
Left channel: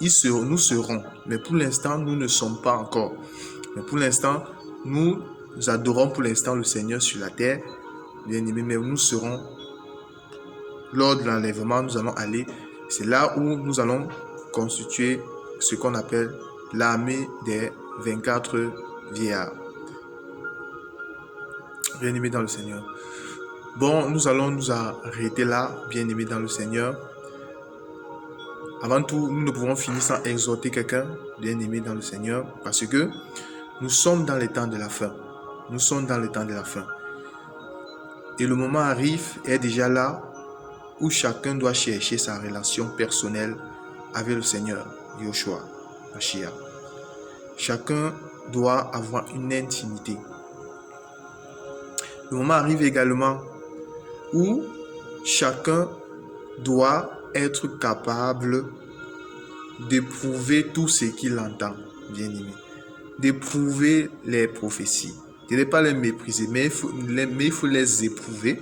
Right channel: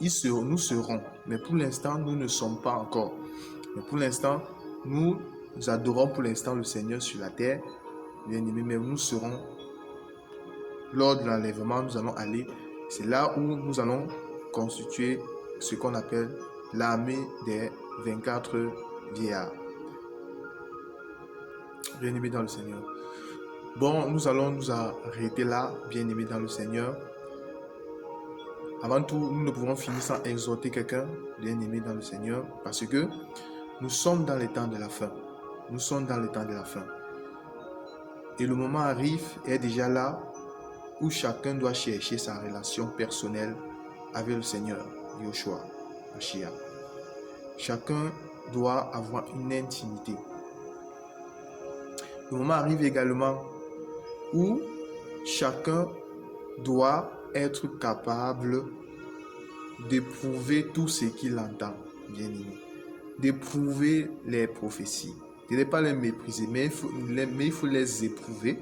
Nous serons, mais pour l'instant, nous ne sommes pas encore. Mais pour l'instant, nous adorons pour l'instant le Seigneur sur la terre, bien aimé, mais nous serons, lors de l'enlèvement, nous allons aller, c'est là où nous allons constituer ce qu'on appelle l'armée des 24 vieillard. Bien-aimés dans le Seigneur. Bon, nous allons nous arrêter là, bien-aimés dans le Seigneur. Avant tout, nous ne pouvons finir sans exhorter quelqu'un, bien-aimé dans le Seigneur, parce que nous sommes dans les temps de la fin. Nous sommes dans les temps de la fin. Et le moment arrive, est déjà là, où chacun doit chercher sa relation personnelle avec le Seigneur, Yoshua, Mashiach. Chacun doit avoir une intimité. Le moment arrive également où chacun doit être capable d'éprouver tout ce qu'il entend, bien aimé. D'éprouver les prophéties. De ne pas les mépriser, mais il faut les éprouver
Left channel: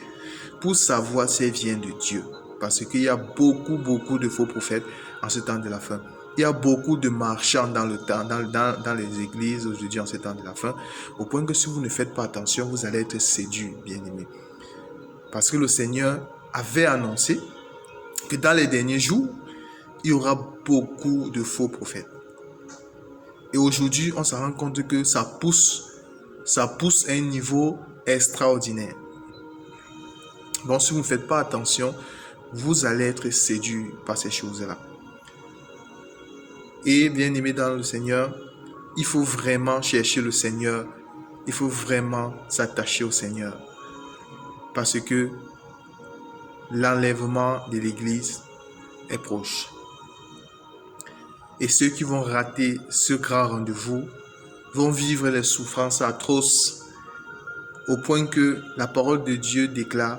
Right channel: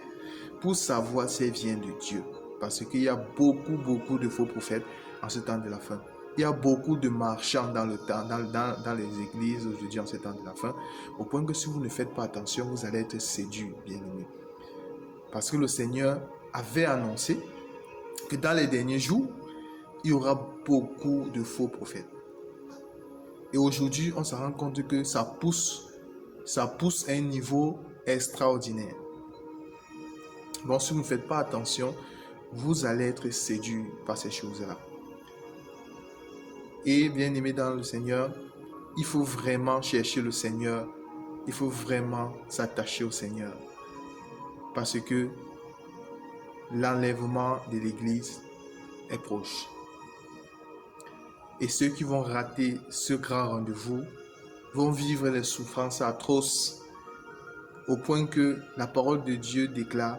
pour savoir si elles viennent de Dieu. Parce qu'il y a beaucoup de faux prophètes en ce temps de la fin. Il y a beaucoup de marchands dans les églises aujourd'hui en ce temps de la fin, au point que si vous ne faites pas attention, vous allez être séduits, bien-aimés. Parce que le Seigneur avait annoncé que dans les derniers jours, il y aura beaucoup de faux prophètes. Et aujourd'hui, on se rend compte que ça pousse à un niveau extraordinaire. Donc, si vous ne faites pas attention, vous allez être séduits par ces choses-là. Et bien aimé dans le Seigneur, il faut vraiment chercher le Seigneur. Il faut vraiment s'attacher au Seigneur. Parce que l'enlèvement de l'Église est proche. Et ceux qui vont rater ce grand rendez-vous vont vivre les souffrances atroces au point que la parole de Dieu déclare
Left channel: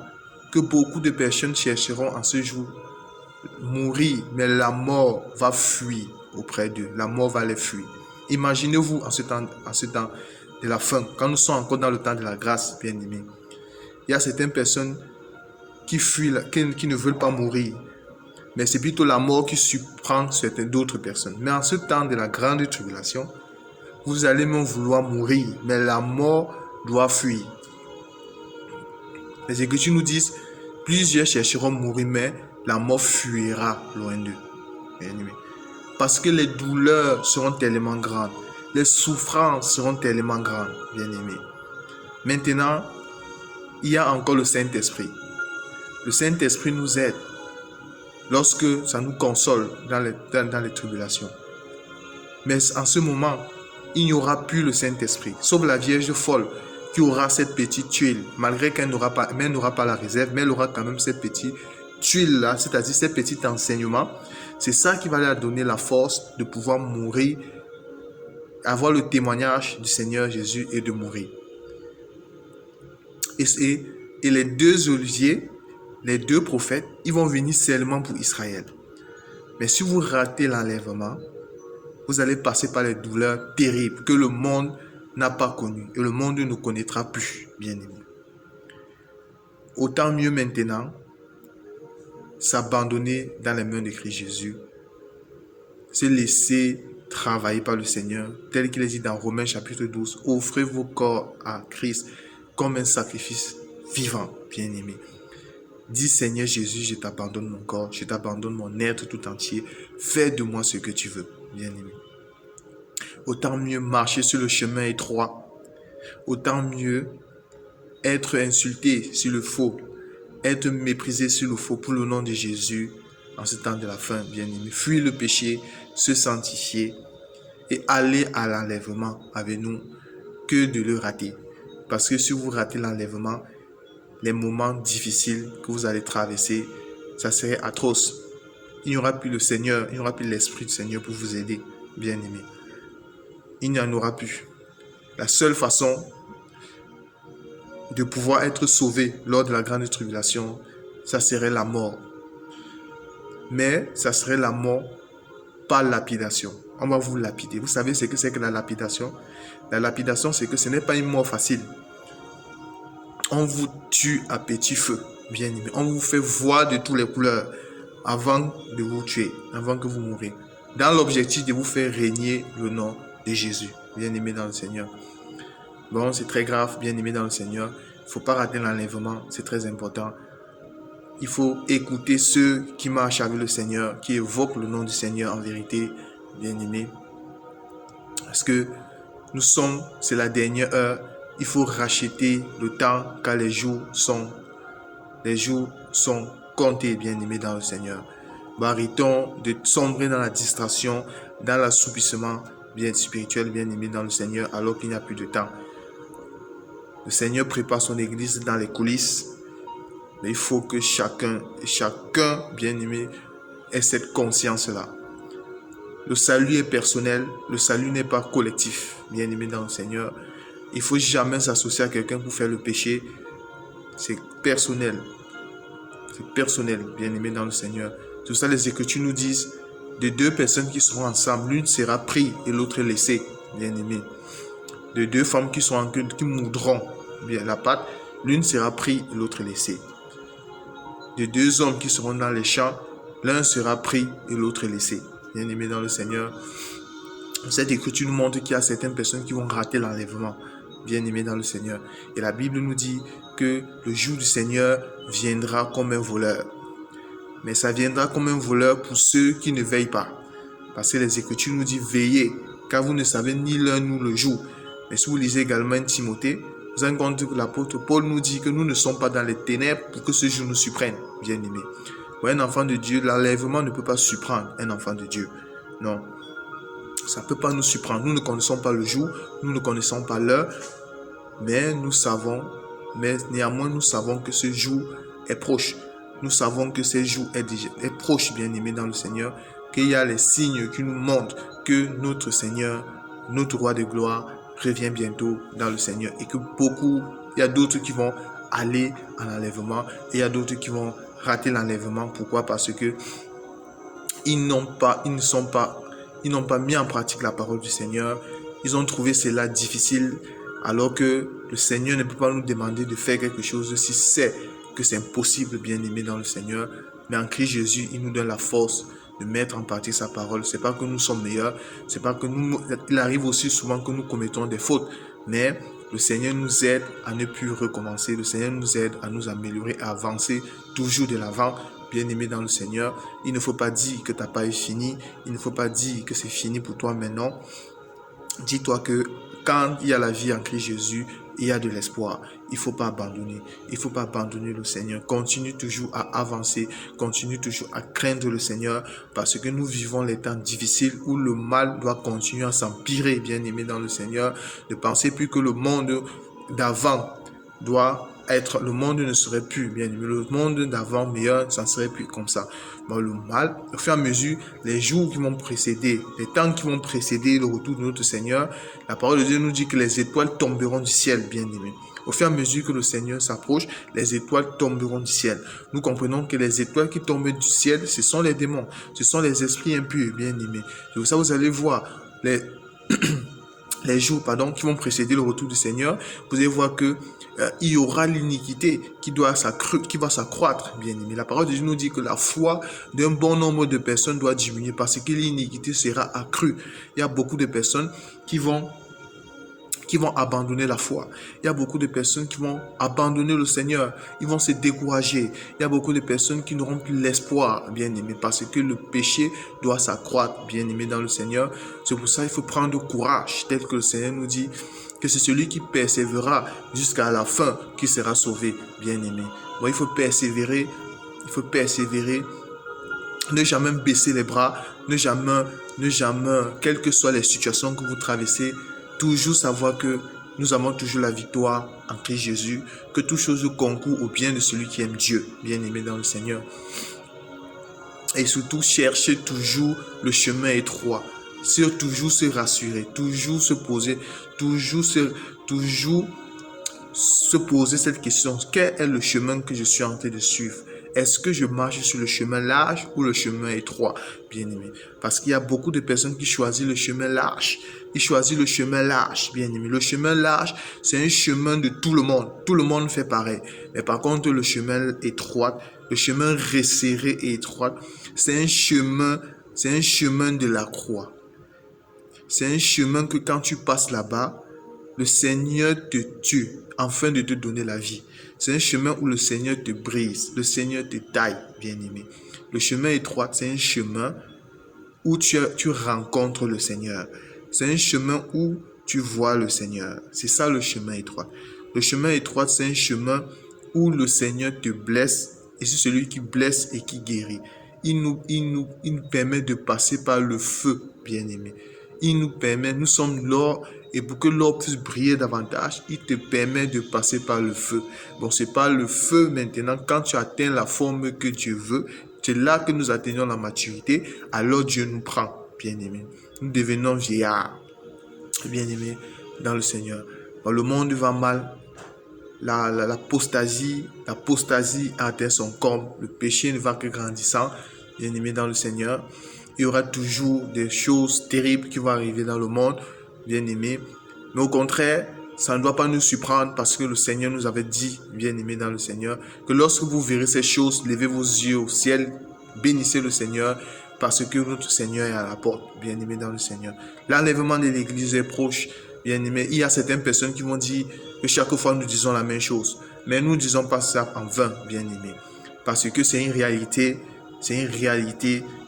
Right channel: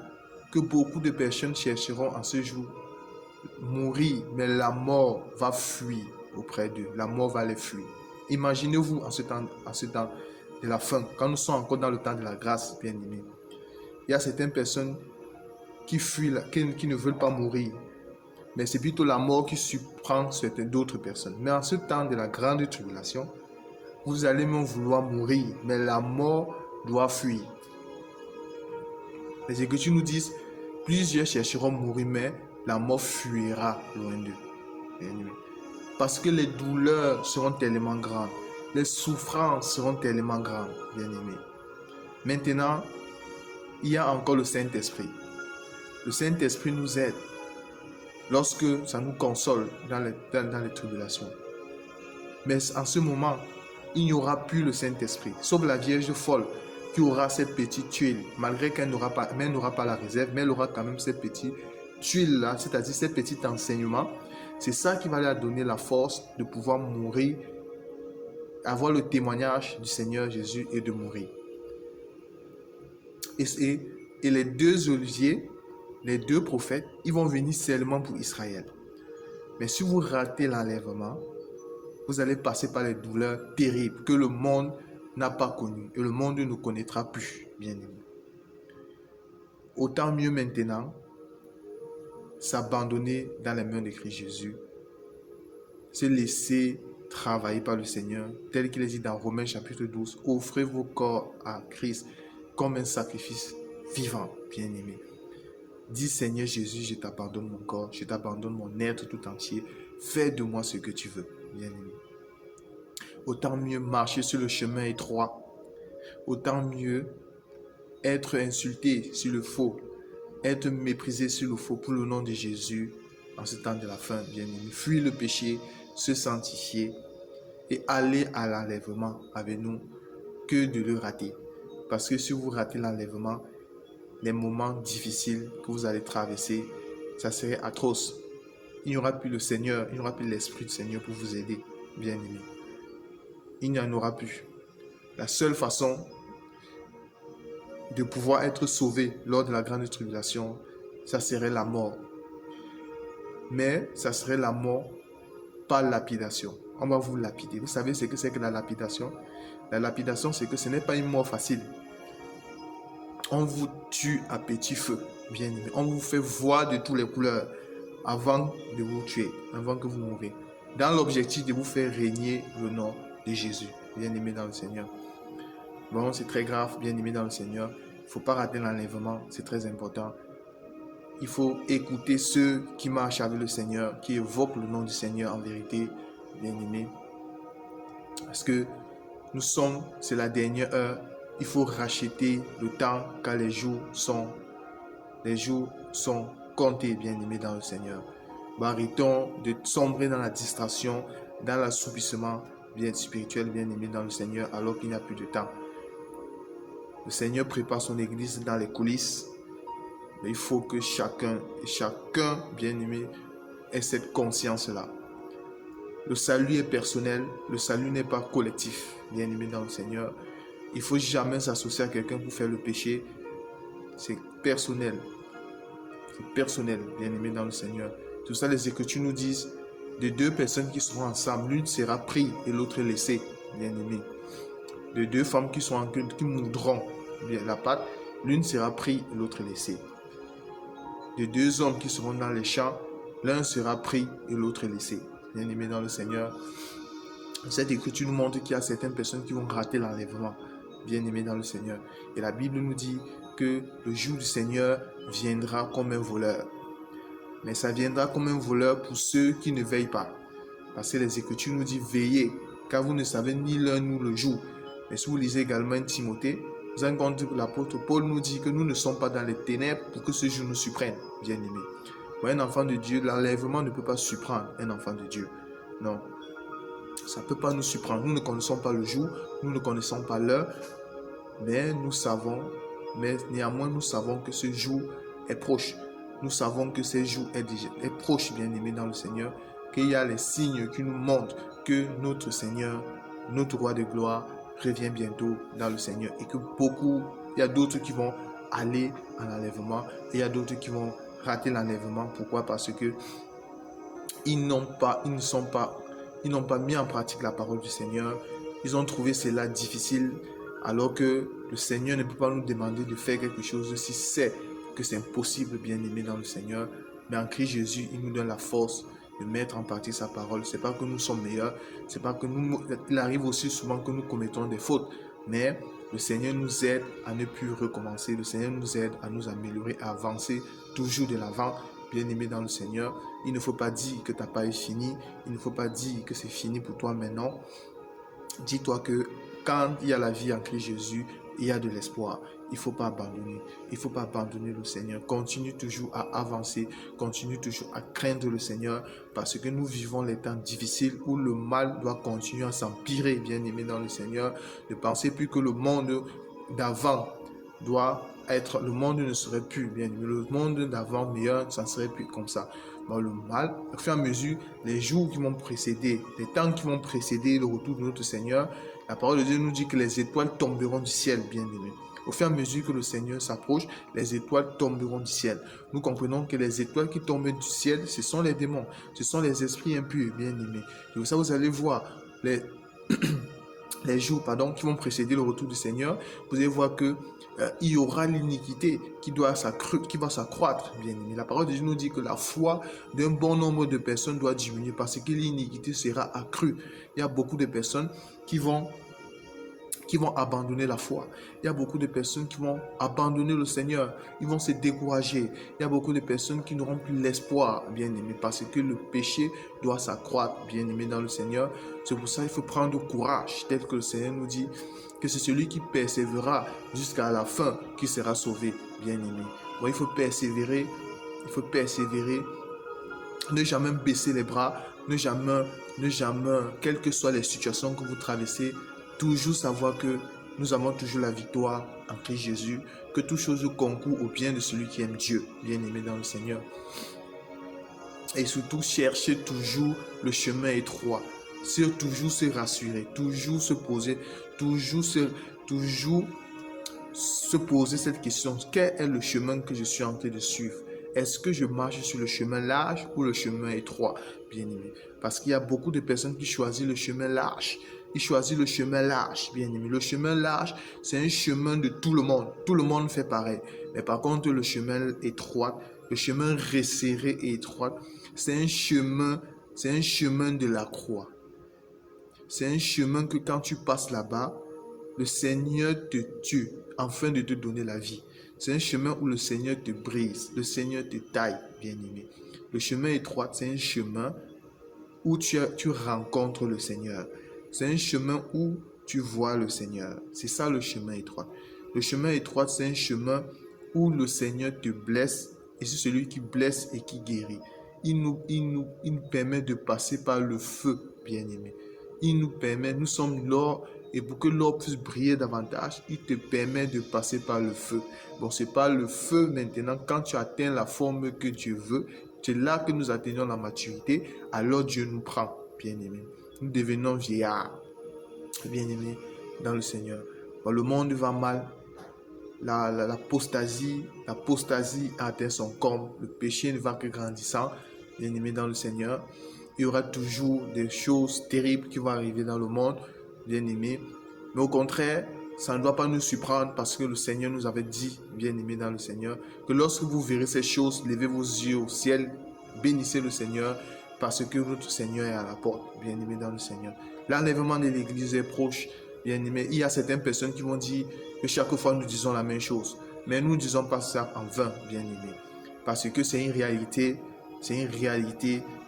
que beaucoup de personnes chercheront en ce jour mourir, mais la mort va fuir auprès d'eux. La mort va les fuir. Imaginez-vous en ce temps de la fin, quand nous sommes encore dans le temps de la grâce, bien aimés. Il y a certaines personnes qui fuient, qui ne veulent pas mourir, mais c'est plutôt la mort qui surprend certaines d'autres personnes. Mais en ce temps de la grande tribulation, vous allez même vouloir mourir, mais la mort doit fuir. Les Écritures nous disent, plusieurs chercheront mourir, mais la mort fuira loin d'eux. Bien-aimés. Parce que les douleurs seront tellement grandes, les souffrances seront tellement grandes, bien-aimés. Maintenant, il y a encore le Saint-Esprit. Le Saint-Esprit nous aide lorsque ça nous console dans les tribulations. Mais en ce moment, il n'y aura plus le Saint-Esprit, sauf la Vierge folle qui aura cette petite tuile, malgré qu'elle n'aura pas la réserve, mais elle aura quand même cette petite tuile-là, c'est-à-dire ces petits enseignements. C'est ça qui va leur donner la force de pouvoir mourir, avoir le témoignage du Seigneur Jésus et de mourir. Et les deux oliviers, les deux prophètes, ils vont venir seulement pour Israël. Mais si vous ratez l'enlèvement, vous allez passer par les douleurs terribles que le monde n'a pas connues et le monde ne connaîtra plus, bien aimé. Autant mieux maintenant s'abandonner dans les mains de Christ Jésus, se laisser travailler par le Seigneur, tel qu'il est dit dans Romains chapitre 12, offrez vos corps à Christ comme un sacrifice vivant, bien aimé. Dis Seigneur Jésus, je t'abandonne mon corps, je t'abandonne mon être tout entier, fais de moi ce que tu veux, bien aimé. Autant mieux marcher sur le chemin étroit, autant mieux être insulté sur le faux, être méprisé sur le faux pour le nom de Jésus en ce temps de la fin, bien aimé. Fuir le péché, se sanctifier et aller à l'enlèvement avec nous que de le rater. Parce que si vous ratez l'enlèvement, les moments difficiles que vous allez traverser, ça serait atroce. Il n'y aura plus le Seigneur, il n'y aura plus l'Esprit du Seigneur pour vous aider, bien aimé. Il n'y en aura plus. La seule façon de pouvoir être sauvé lors de la grande tribulation, ça serait la mort. Mais ça serait la mort par lapidation. On va vous lapider. Vous savez ce que c'est que la lapidation? La lapidation, c'est que ce n'est pas une mort facile. On vous tue à petit feu, bien aimé. On vous fait voir de toutes les couleurs avant de vous tuer, avant que vous mouriez. Dans l'objectif de vous faire régner le nom de Jésus, bien aimé dans le Seigneur. Bon, c'est très grave, bien aimé dans le Seigneur. Il ne faut pas rater l'enlèvement, c'est très important. Il faut écouter ceux qui marchent avec le Seigneur, qui évoquent le nom du Seigneur en vérité, bien aimé. Parce que c'est la dernière heure. Il faut racheter le temps car les jours sont comptés, bien-aimés dans le Seigneur. Arrêtons de sombrer dans la distraction, dans l'assoupissement bien spirituel, bien-aimé dans le Seigneur, alors qu'il n'y a plus de temps. Le Seigneur prépare son église dans les coulisses, mais il faut que chacun, bien-aimé, ait cette conscience-là. Le salut est personnel, le salut n'est pas collectif, bien-aimé dans le Seigneur. Il ne faut jamais s'associer à quelqu'un pour faire le péché. C'est personnel. C'est personnel, bien-aimé dans le Seigneur. C'est pour ça les Écritures nous disent, de deux personnes qui seront ensemble, l'une sera prise et l'autre laissée, bien-aimé. De deux femmes qui moudront bien la pâte, l'une sera prise et l'autre laissée. De deux hommes qui seront dans les champs, l'un sera pris et l'autre laissé. Bien-aimé dans le Seigneur, cette écriture nous montre qu'il y a certaines personnes qui vont rater l'enlèvement. Bien-aimé dans le Seigneur. Et la Bible nous dit que le jour du Seigneur viendra comme un voleur. Mais ça viendra comme un voleur pour ceux qui ne veillent pas. Parce que les Écritures nous disent veillez, car vous ne savez ni l'heure ni le jour. Mais si vous lisez également Timothée, vous avez compris que l'apôtre Paul nous dit que nous ne sommes pas dans les ténèbres pour que ce jour nous surprenne, bien-aimé. Pour un enfant de Dieu, l'enlèvement ne peut pas surprendre un enfant de Dieu. Non. Ça ne peut pas nous surprendre. Nous ne connaissons pas le jour, nous ne connaissons pas l'heure, mais néanmoins nous savons que ce jour est proche. Nous savons que ce jour est proche, bien-aimé dans le Seigneur, qu'il y a les signes qui nous montrent que notre Seigneur, notre roi de gloire, revient bientôt dans le Seigneur et que il y a d'autres qui vont aller en enlèvement et il y a d'autres qui vont rater l'enlèvement. Pourquoi? Parce que ils n'ont pas mis en pratique la parole du Seigneur. Ils ont trouvé cela difficile, alors que le Seigneur ne peut pas nous demander de faire quelque chose si c'est que c'est impossible, bien-aimé dans le Seigneur. Mais en Christ Jésus, il nous donne la force de mettre en pratique sa parole. C'est pas que nous sommes meilleurs, c'est pas que il arrive aussi souvent que nous commettons des fautes, mais le Seigneur nous aide à ne plus recommencer. Le Seigneur nous aide à nous améliorer, à avancer toujours de l'avant. Bien-aimé dans le Seigneur, il ne faut pas dire que ta part est finie. Il ne faut pas dire que c'est fini pour toi maintenant. Dis-toi que quand il y a la vie en Christ Jésus, il y a de l'espoir. Il ne faut pas abandonner. Il ne faut pas abandonner le Seigneur. Continue toujours à avancer. Continue toujours à craindre le Seigneur, parce que nous vivons les temps difficiles où le mal doit continuer à s'empirer, bien-aimé dans le Seigneur. Ne pensez plus que le monde d'avant doit être, le monde ne serait plus bien aimé, le monde d'avant meilleur, ça ne serait plus comme ça. Bon, le mal, au fur et à mesure, les jours qui vont précéder, les temps qui vont précéder le retour de notre Seigneur, la parole de Dieu nous dit que les étoiles tomberont du ciel, bien aimé. Au fur et à mesure que le Seigneur s'approche, les étoiles tomberont du ciel. Nous comprenons que les étoiles qui tombent du ciel, ce sont les démons, ce sont les esprits impurs, bien aimés. C'est pour ça que vous allez voir les jours qui vont précéder le retour du Seigneur. Vous allez voir que il y aura l'iniquité qui va s'accroître, bien aimé. La parole de Dieu nous dit que la foi d'un bon nombre de personnes doit diminuer parce que l'iniquité sera accrue. Il y a beaucoup de personnes qui vont abandonner la foi. Il y a beaucoup de personnes qui vont abandonner le Seigneur. Ils vont se décourager. Il y a beaucoup de personnes qui n'auront plus l'espoir, bien aimé, parce que le péché doit s'accroître, bien aimé, dans le Seigneur. C'est pour ça qu'il faut prendre courage, tel que le Seigneur nous dit que c'est celui qui persévérera jusqu'à la fin qui sera sauvé, bien aimé. Bon, il faut persévérer. Ne jamais baisser les bras. Ne jamais, quelles que soient les situations que vous traversez, toujours savoir que nous avons toujours la victoire en Christ Jésus, que toute chose concourt au bien de celui qui aime Dieu, bien aimé dans le Seigneur. Et surtout, cherchez toujours le chemin étroit. Toujours se rassurer, toujours se poser, toujours se poser cette question. Quel est le chemin que je suis en train de suivre? Est-ce que je marche sur le chemin large ou le chemin étroit, bien aimé? Parce qu'il y a beaucoup de personnes qui choisissent le chemin large. Ils choisissent le chemin large, bien aimé. Le chemin large, c'est un chemin de tout le monde. Tout le monde fait pareil. Mais par contre, le chemin étroit, le chemin resserré et étroit, c'est un chemin de la croix. C'est un chemin que quand tu passes là-bas, le Seigneur te tue afin de te donner la vie. C'est un chemin où le Seigneur te brise, le Seigneur te taille, bien aimé. Le chemin étroit, c'est un chemin où tu rencontres le Seigneur. C'est un chemin où tu vois le Seigneur. C'est ça le chemin étroit. Le chemin étroit, c'est un chemin où le Seigneur te blesse et c'est celui qui blesse et qui guérit. Il nous permet de passer par le feu, bien-aimé. Il nous permet, nous sommes l'or, et pour que l'or puisse briller davantage, il te permet de passer par le feu. Bon, c'est par le feu maintenant, quand tu atteins la forme que Dieu veut, c'est là que nous atteignons la maturité, alors Dieu nous prend, bien-aimé. Nous devenons vieillards, bien-aimé, dans le Seigneur. Bon, le monde va mal, l'apostasie a atteint son comble, le péché ne va que grandissant, bien-aimé dans le Seigneur. Il y aura toujours des choses terribles qui vont arriver dans le monde, bien-aimé. Mais au contraire, ça ne doit pas nous surprendre parce que le Seigneur nous avait dit, bien-aimé dans le Seigneur, que lorsque vous verrez ces choses, levez vos yeux au ciel, bénissez le Seigneur parce que notre Seigneur est à la porte, bien-aimé dans le Seigneur. L'enlèvement de l'Église est proche, bien-aimé. Il y a certaines personnes qui vont dire que chaque fois nous disons la même chose, mais nous ne disons pas ça en vain, bien-aimé, parce que c'est une réalité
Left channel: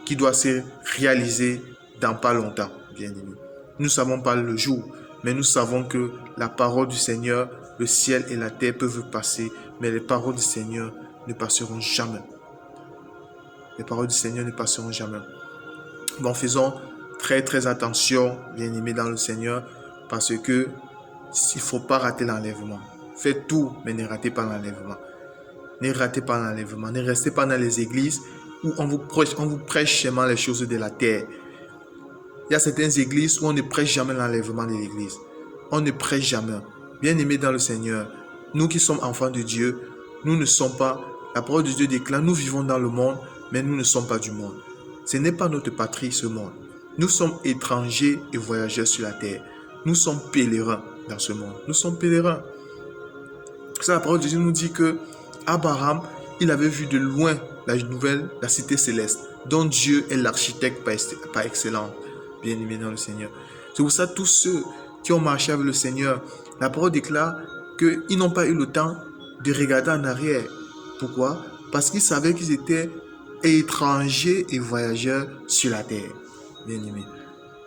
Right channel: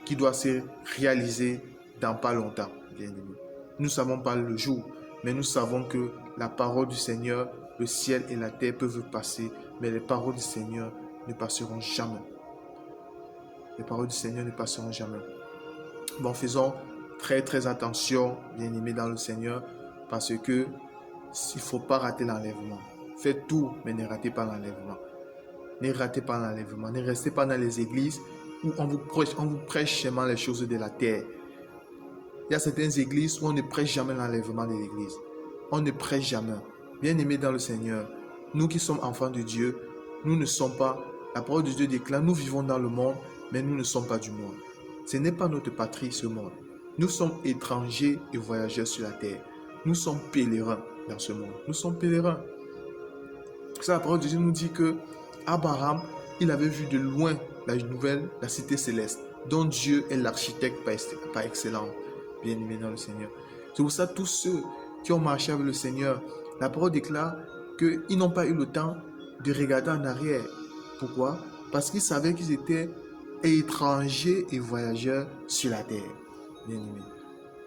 qui doit se réaliser dans pas longtemps, bien-aimé. Nous ne savons pas le jour, mais nous savons que la parole du Seigneur, le ciel et la terre peuvent passer, mais les paroles du Seigneur ne passeront jamais. Les paroles du Seigneur ne passeront jamais. Bon, faisons très attention, bien-aimés dans le Seigneur, parce que il ne faut pas rater l'enlèvement. Faites tout, mais ne ratez pas l'enlèvement. Ne ratez pas l'enlèvement. Ne restez pas dans les églises où on vous prêche seulement les choses de la terre. Il y a certaines églises où on ne prêche jamais l'enlèvement de l'église. On ne prêche jamais. Bien-aimés dans le Seigneur, nous qui sommes enfants de Dieu, nous ne sommes pas, la parole de Dieu déclare, nous vivons dans le monde, mais nous ne sommes pas du monde. Ce n'est pas notre patrie, ce monde. Nous sommes étrangers et voyageurs sur la terre. Nous sommes pèlerins dans ce monde. Nous sommes pèlerins. C'est la parole de Dieu nous dit que Abraham, il avait vu de loin la cité céleste, dont Dieu est l'architecte par excellence, bien-aimé dans le Seigneur. C'est pour ça tous ceux qui ont marché avec le Seigneur, la parole déclare qu'ils n'ont pas eu le temps de regarder en arrière. Pourquoi? Parce qu'ils savaient qu'ils étaient étrangers et voyageurs sur la terre, bien-aimé.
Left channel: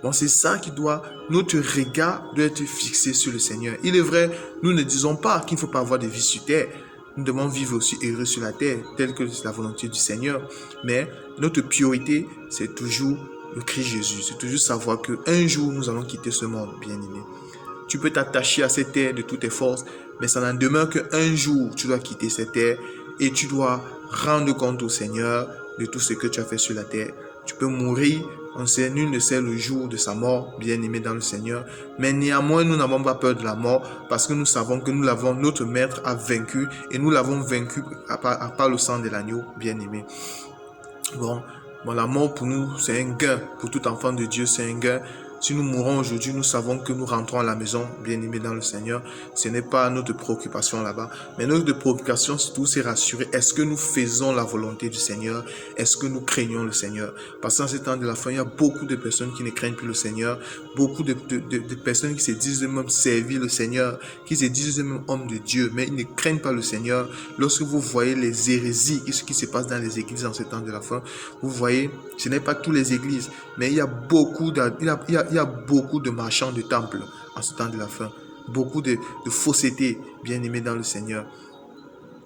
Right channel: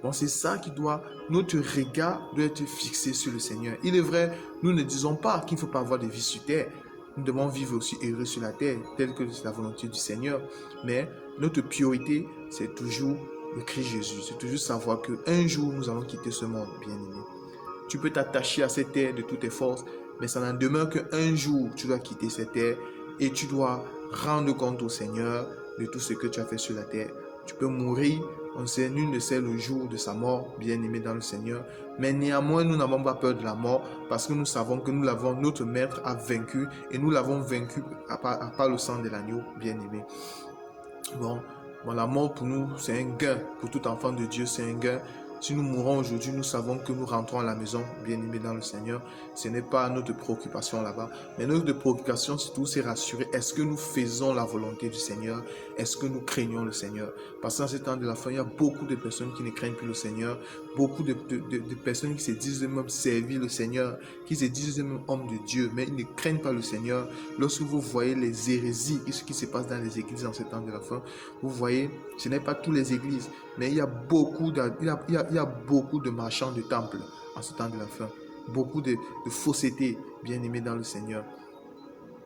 Donc c'est ça qui notre regard doit être fixé sur le Seigneur. Il est vrai, nous ne disons pas qu'il ne faut pas avoir de vie sur terre. Nous devons vivre aussi heureux sur la terre, telle que c'est la volonté du Seigneur. Mais notre priorité, c'est toujours le Christ Jésus. C'est toujours savoir qu'un jour, nous allons quitter ce monde, bien-aimé. Tu peux t'attacher à cette terre de toutes tes forces, mais ça n'en demeure qu'un jour, tu dois quitter cette terre et tu dois rendre compte au Seigneur de tout ce que tu as fait sur la terre. Tu peux mourir, on sait, nul ne sait le jour de sa mort, bien-aimé dans le Seigneur. Mais néanmoins, nous n'avons pas peur de la mort parce que nous savons que notre Maître a vaincu et nous l'avons vaincu par le sang de l'agneau, bien-aimé. Bon, la mort pour nous, c'est un gain. Pour tout enfant de Dieu, c'est un gain. Si nous mourons aujourd'hui, nous savons que nous rentrons à la maison, bien-aimés dans le Seigneur. Ce n'est pas notre préoccupation là-bas. Mais notre préoccupation, surtout, c'est rassurer. Est-ce que nous faisons la volonté du Seigneur? Est-ce que nous craignons le Seigneur? Parce qu'en ce temps de la fin, il y a beaucoup de personnes qui ne craignent plus le Seigneur. Beaucoup de personnes qui se disent eux-mêmes servir le Seigneur, qui se disent eux-mêmes hommes de Dieu, mais ils ne craignent pas le Seigneur. Lorsque vous voyez les hérésies, ce qui se passe dans les églises en ce temps de la fin, vous voyez, ce n'est pas toutes les églises, mais il y a beaucoup de marchands de temple en ce temps de la fin. Beaucoup de fausseté, bien-aimés dans le Seigneur.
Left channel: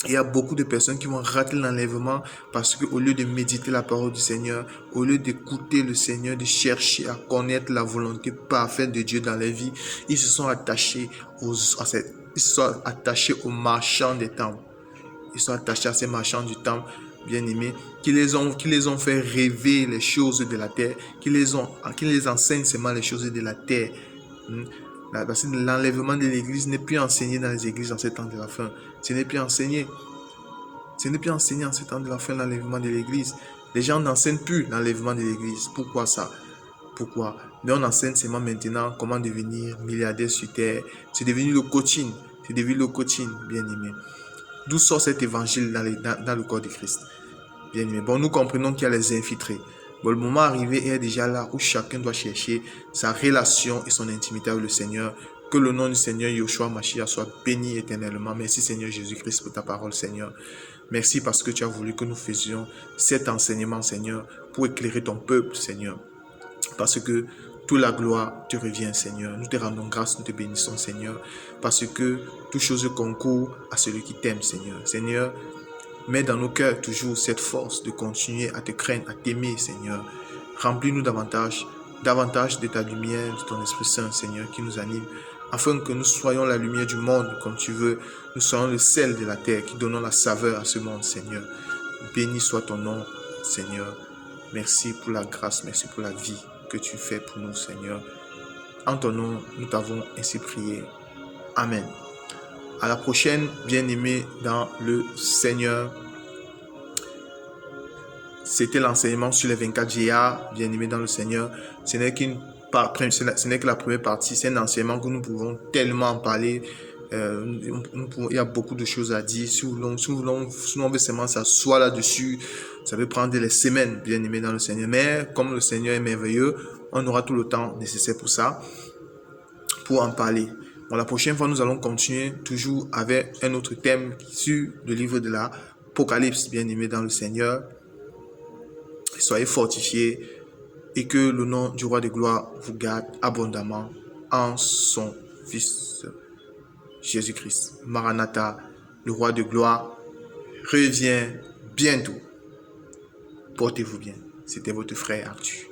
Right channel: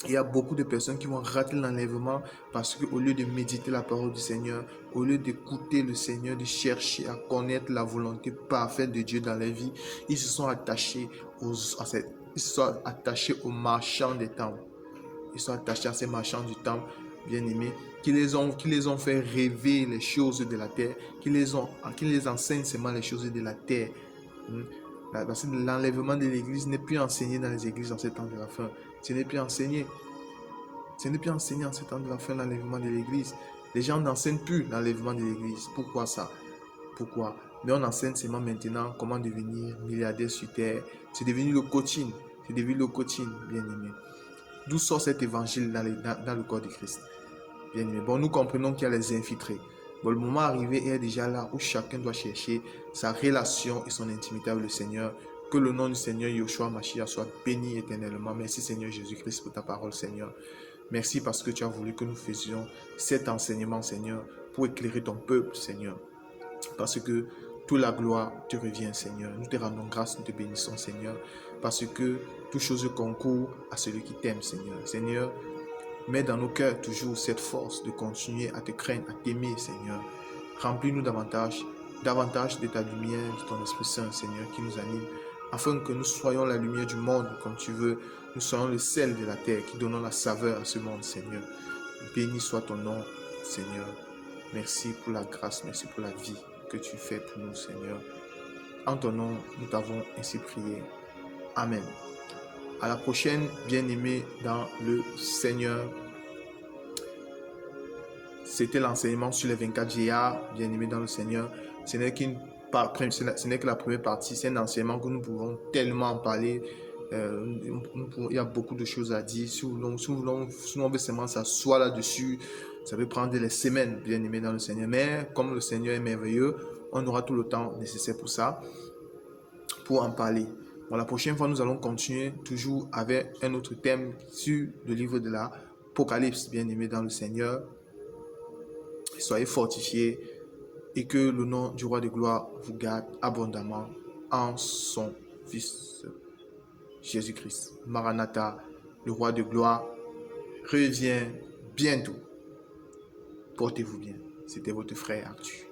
Il y a beaucoup de personnes qui vont rater l'enlèvement parce qu'au lieu de méditer la parole du Seigneur, au lieu d'écouter le Seigneur, de chercher à connaître la volonté parfaite de Dieu dans leur vie, ils se sont attachés aux marchands des temples. Ils sont attachés à ces marchands du temple, bien-aimés, qui les ont fait rêver les choses de la terre, qui les enseignent seulement les choses de la terre. Parce que l'enlèvement de l'église n'est plus enseigné dans les églises en ce temps de la fin. Ce n'est plus enseigné. Ce n'est plus enseigné en ce temps de la fin, l'enlèvement de l'église. Les gens n'enseignent plus l'enlèvement de l'église. Pourquoi ça? Pourquoi? Mais on enseigne seulement maintenant comment devenir milliardaire sur terre. C'est devenu le coaching. C'est devenu le coaching, bien-aimé. D'où sort cet évangile dans le corps de Christ? Bien-aimé. Bon, nous comprenons qu'il y a les infiltrés. Bon, le moment arrivé est déjà là où chacun doit chercher sa relation et son intimité avec le Seigneur. Que le nom du Seigneur Yoshua Mashiach soit béni éternellement. Merci Seigneur Jésus-Christ pour ta parole, Seigneur. Merci parce que tu as voulu que nous faisions cet enseignement, Seigneur, pour éclairer ton peuple, Seigneur. Parce que toute la gloire te revient, Seigneur. Nous te rendons grâce, nous te bénissons, Seigneur, parce que toute chose concourt à celui qui t'aime, Seigneur. Seigneur, mets dans nos cœurs toujours cette force de continuer à te craindre, à t'aimer, Seigneur. Remplis-nous davantage de ta lumière, de ton Esprit Saint, Seigneur, qui nous anime, afin que nous soyons la lumière du monde, comme tu veux. Nous soyons le sel de la terre, qui donnons la saveur à ce monde, Seigneur. Béni soit ton nom, Seigneur. Merci pour la grâce, merci pour la vie que tu fais pour nous, Seigneur. En ton nom, nous t'avons ainsi prié. Amen. À la prochaine, bien-aimés dans le Seigneur. C'était l'enseignement sur les 24 GA, bien-aimés dans le Seigneur. Ce n'est que la première partie. C'est un enseignement que nous pouvons tellement en parler. Il y a beaucoup de choses à dire. Si on veut seulement s'asseoir là-dessus, ça peut prendre des semaines, bien-aimés dans le Seigneur. Mais comme le Seigneur est merveilleux, on aura tout le temps nécessaire pour ça, pour en parler. Bon, la prochaine fois, nous allons continuer toujours avec un autre thème sur le livre de l'Apocalypse, bien-aimés dans le Seigneur. Soyez fortifiés et que le nom du roi de gloire vous garde abondamment en son Fils Jésus-Christ. Maranatha, le roi de gloire, revient bientôt. Portez-vous bien. C'était votre frère Arthur.